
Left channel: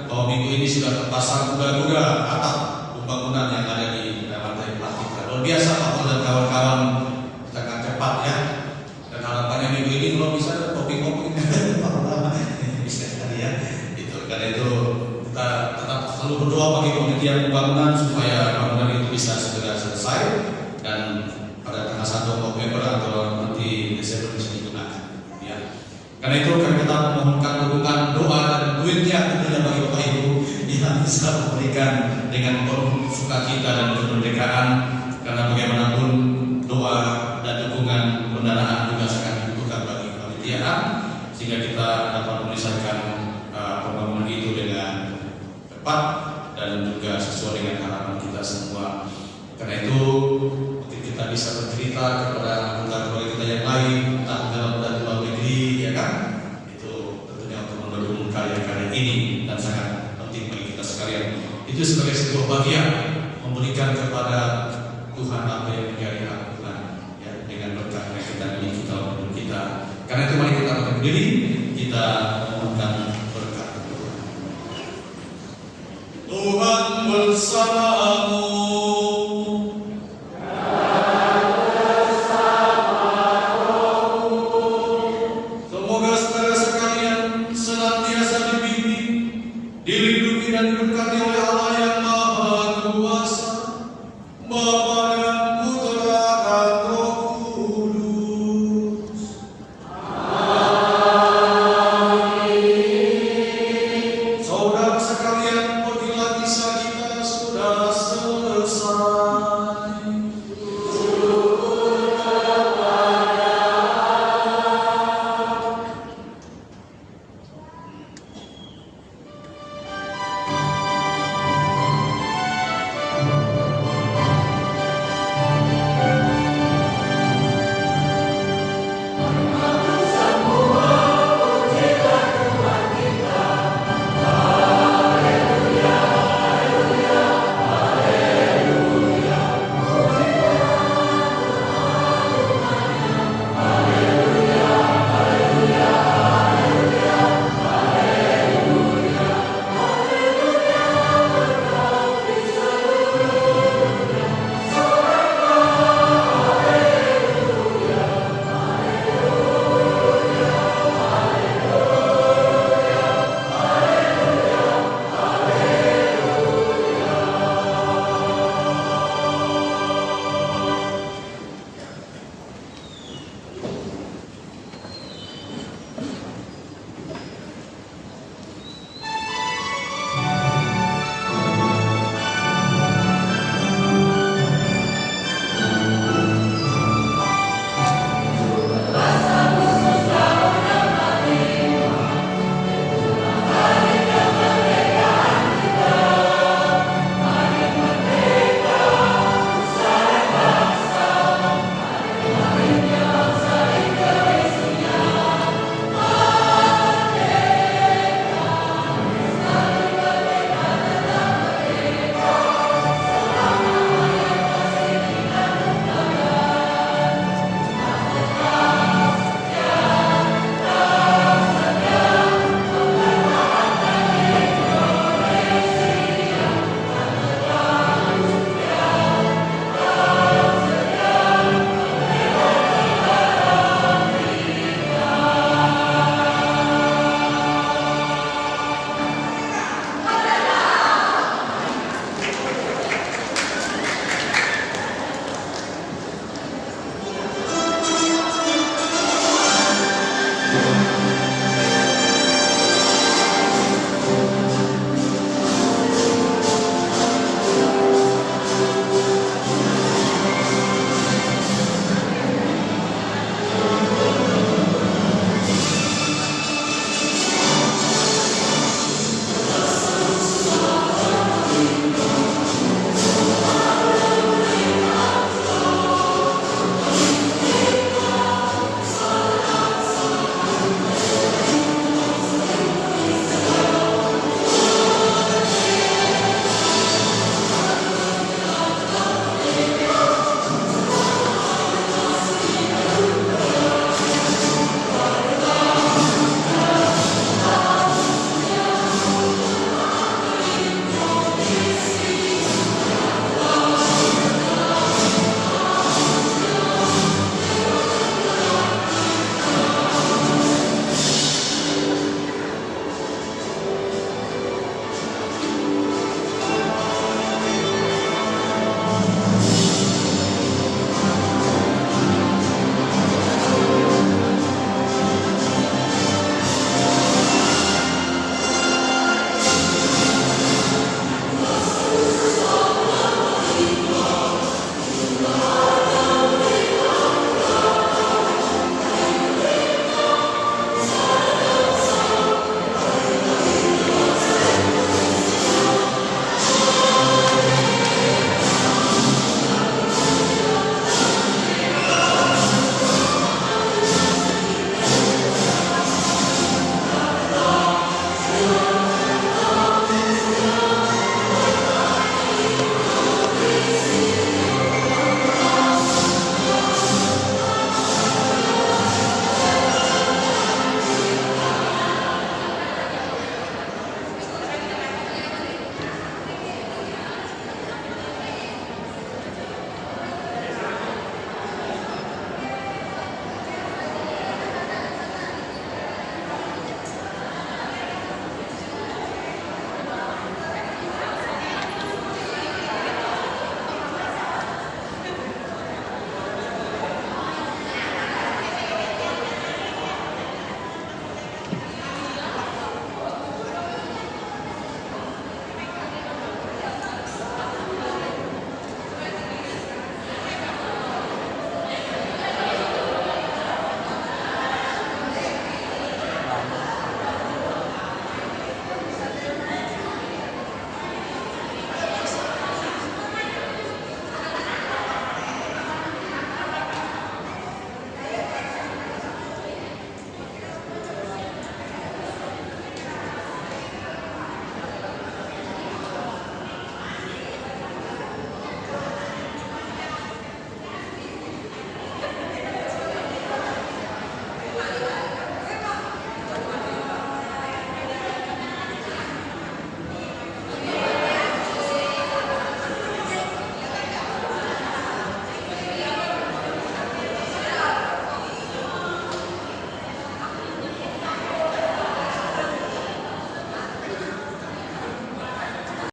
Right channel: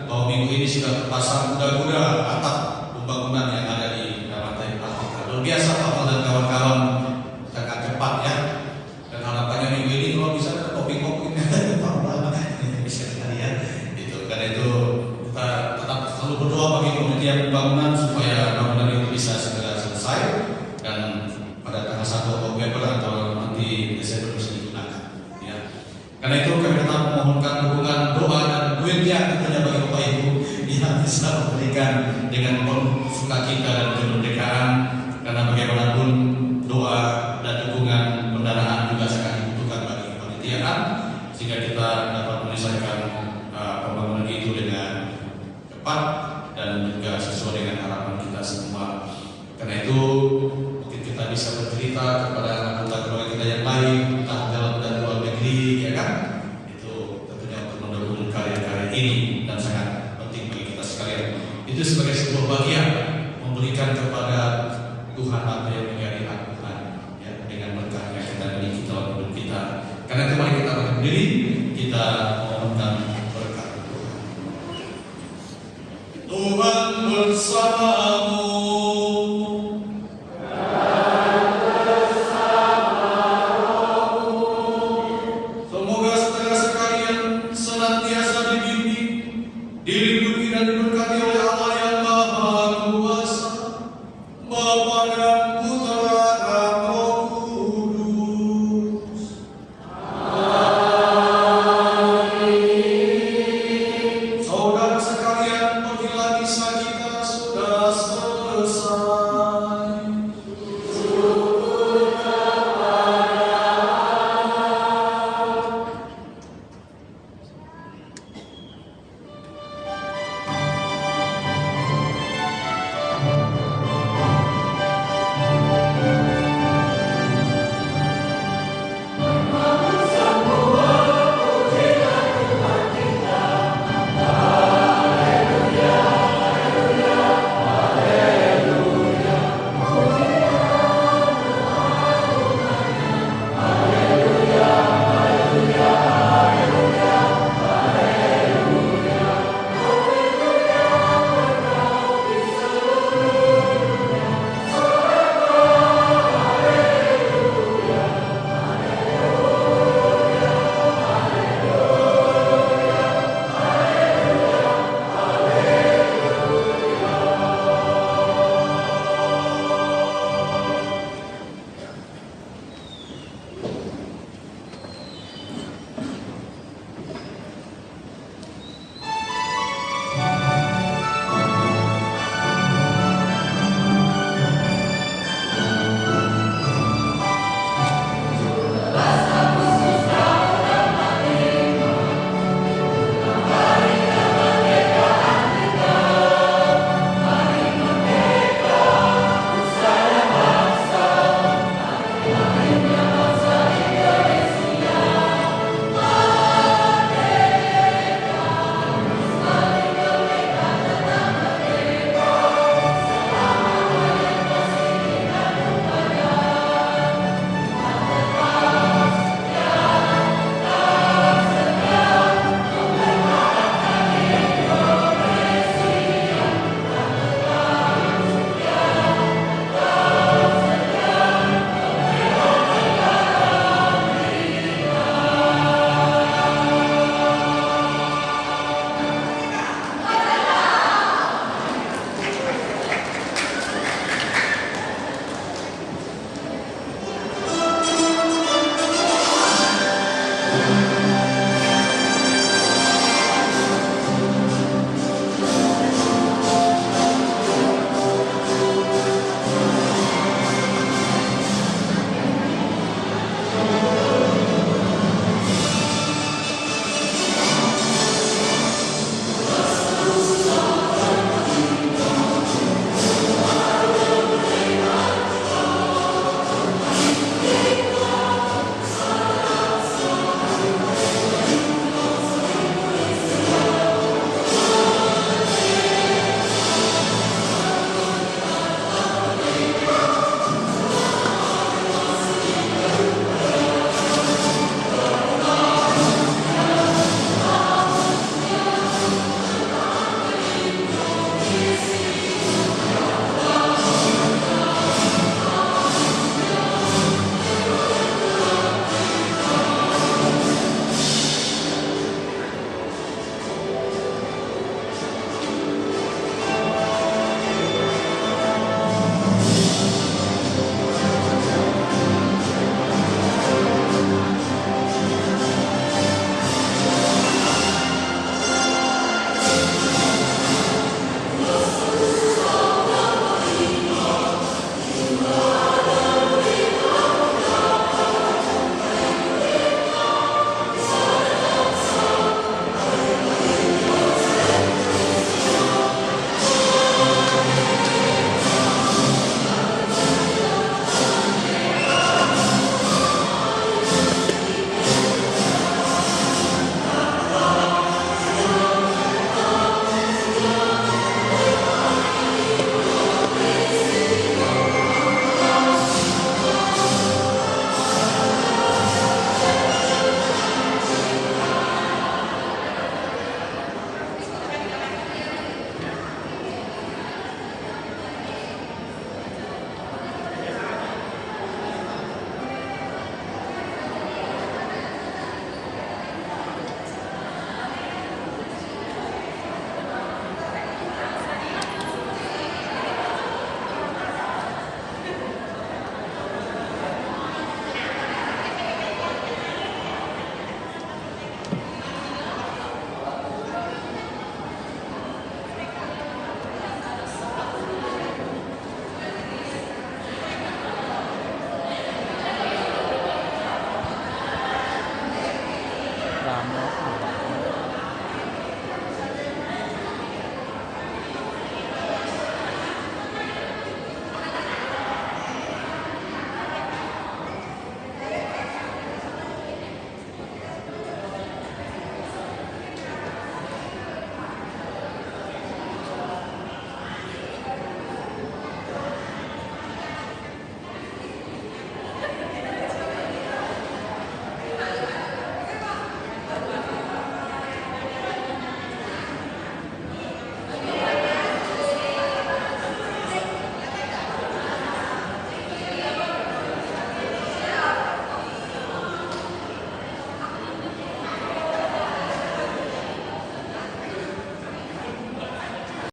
bahwa minggu ini sudah terpasang kuda-kuda atap pembangunan yang ada di Ramadhan Plastika. Luar biasa Pak Paul dan kawan-kawan sangat cepat ya. Dan harapannya minggu ini kalau bisa ada kopi-kopi bisa tadi ya. Gitu. Karena itu kita tetap selalu berdoa bagi panitia pembangunan supaya bangunan itu bisa segera selesai dan pada tanggal 1 November atau nanti Desember bisa digunakan. Ya. Karena itu kami tetap memohonkan dukungan doa dan duitnya tentunya bagi Bapak Ibu yang bisa memberikan dengan penuh sukacita dan kemerdekaan, karena bagaimanapun doa dan dukungan pendanaan juga sangat dibutuhkan bagi kepanitiaan sehingga kita dapat menyelesaikan pembangunan itu dengan cepat dan juga sesuai dengan harapan kita semua. Karena itu mungkin kita bisa bercerita kepada anggota keluarga kita yang lain tentang dalam dan luar negeri, ya kan? Itu tentunya untuk mendukung karya-karya ini dan sangat penting bagi kita sekalian. Itu sebagai sebuah bagian memberikan kepada Tuhan apa yang menjadi hak Tuhan, ya, dengan berkah yang kita miliki dalam hidup kita. Karena itu mari kita berdiri, kita memohonkan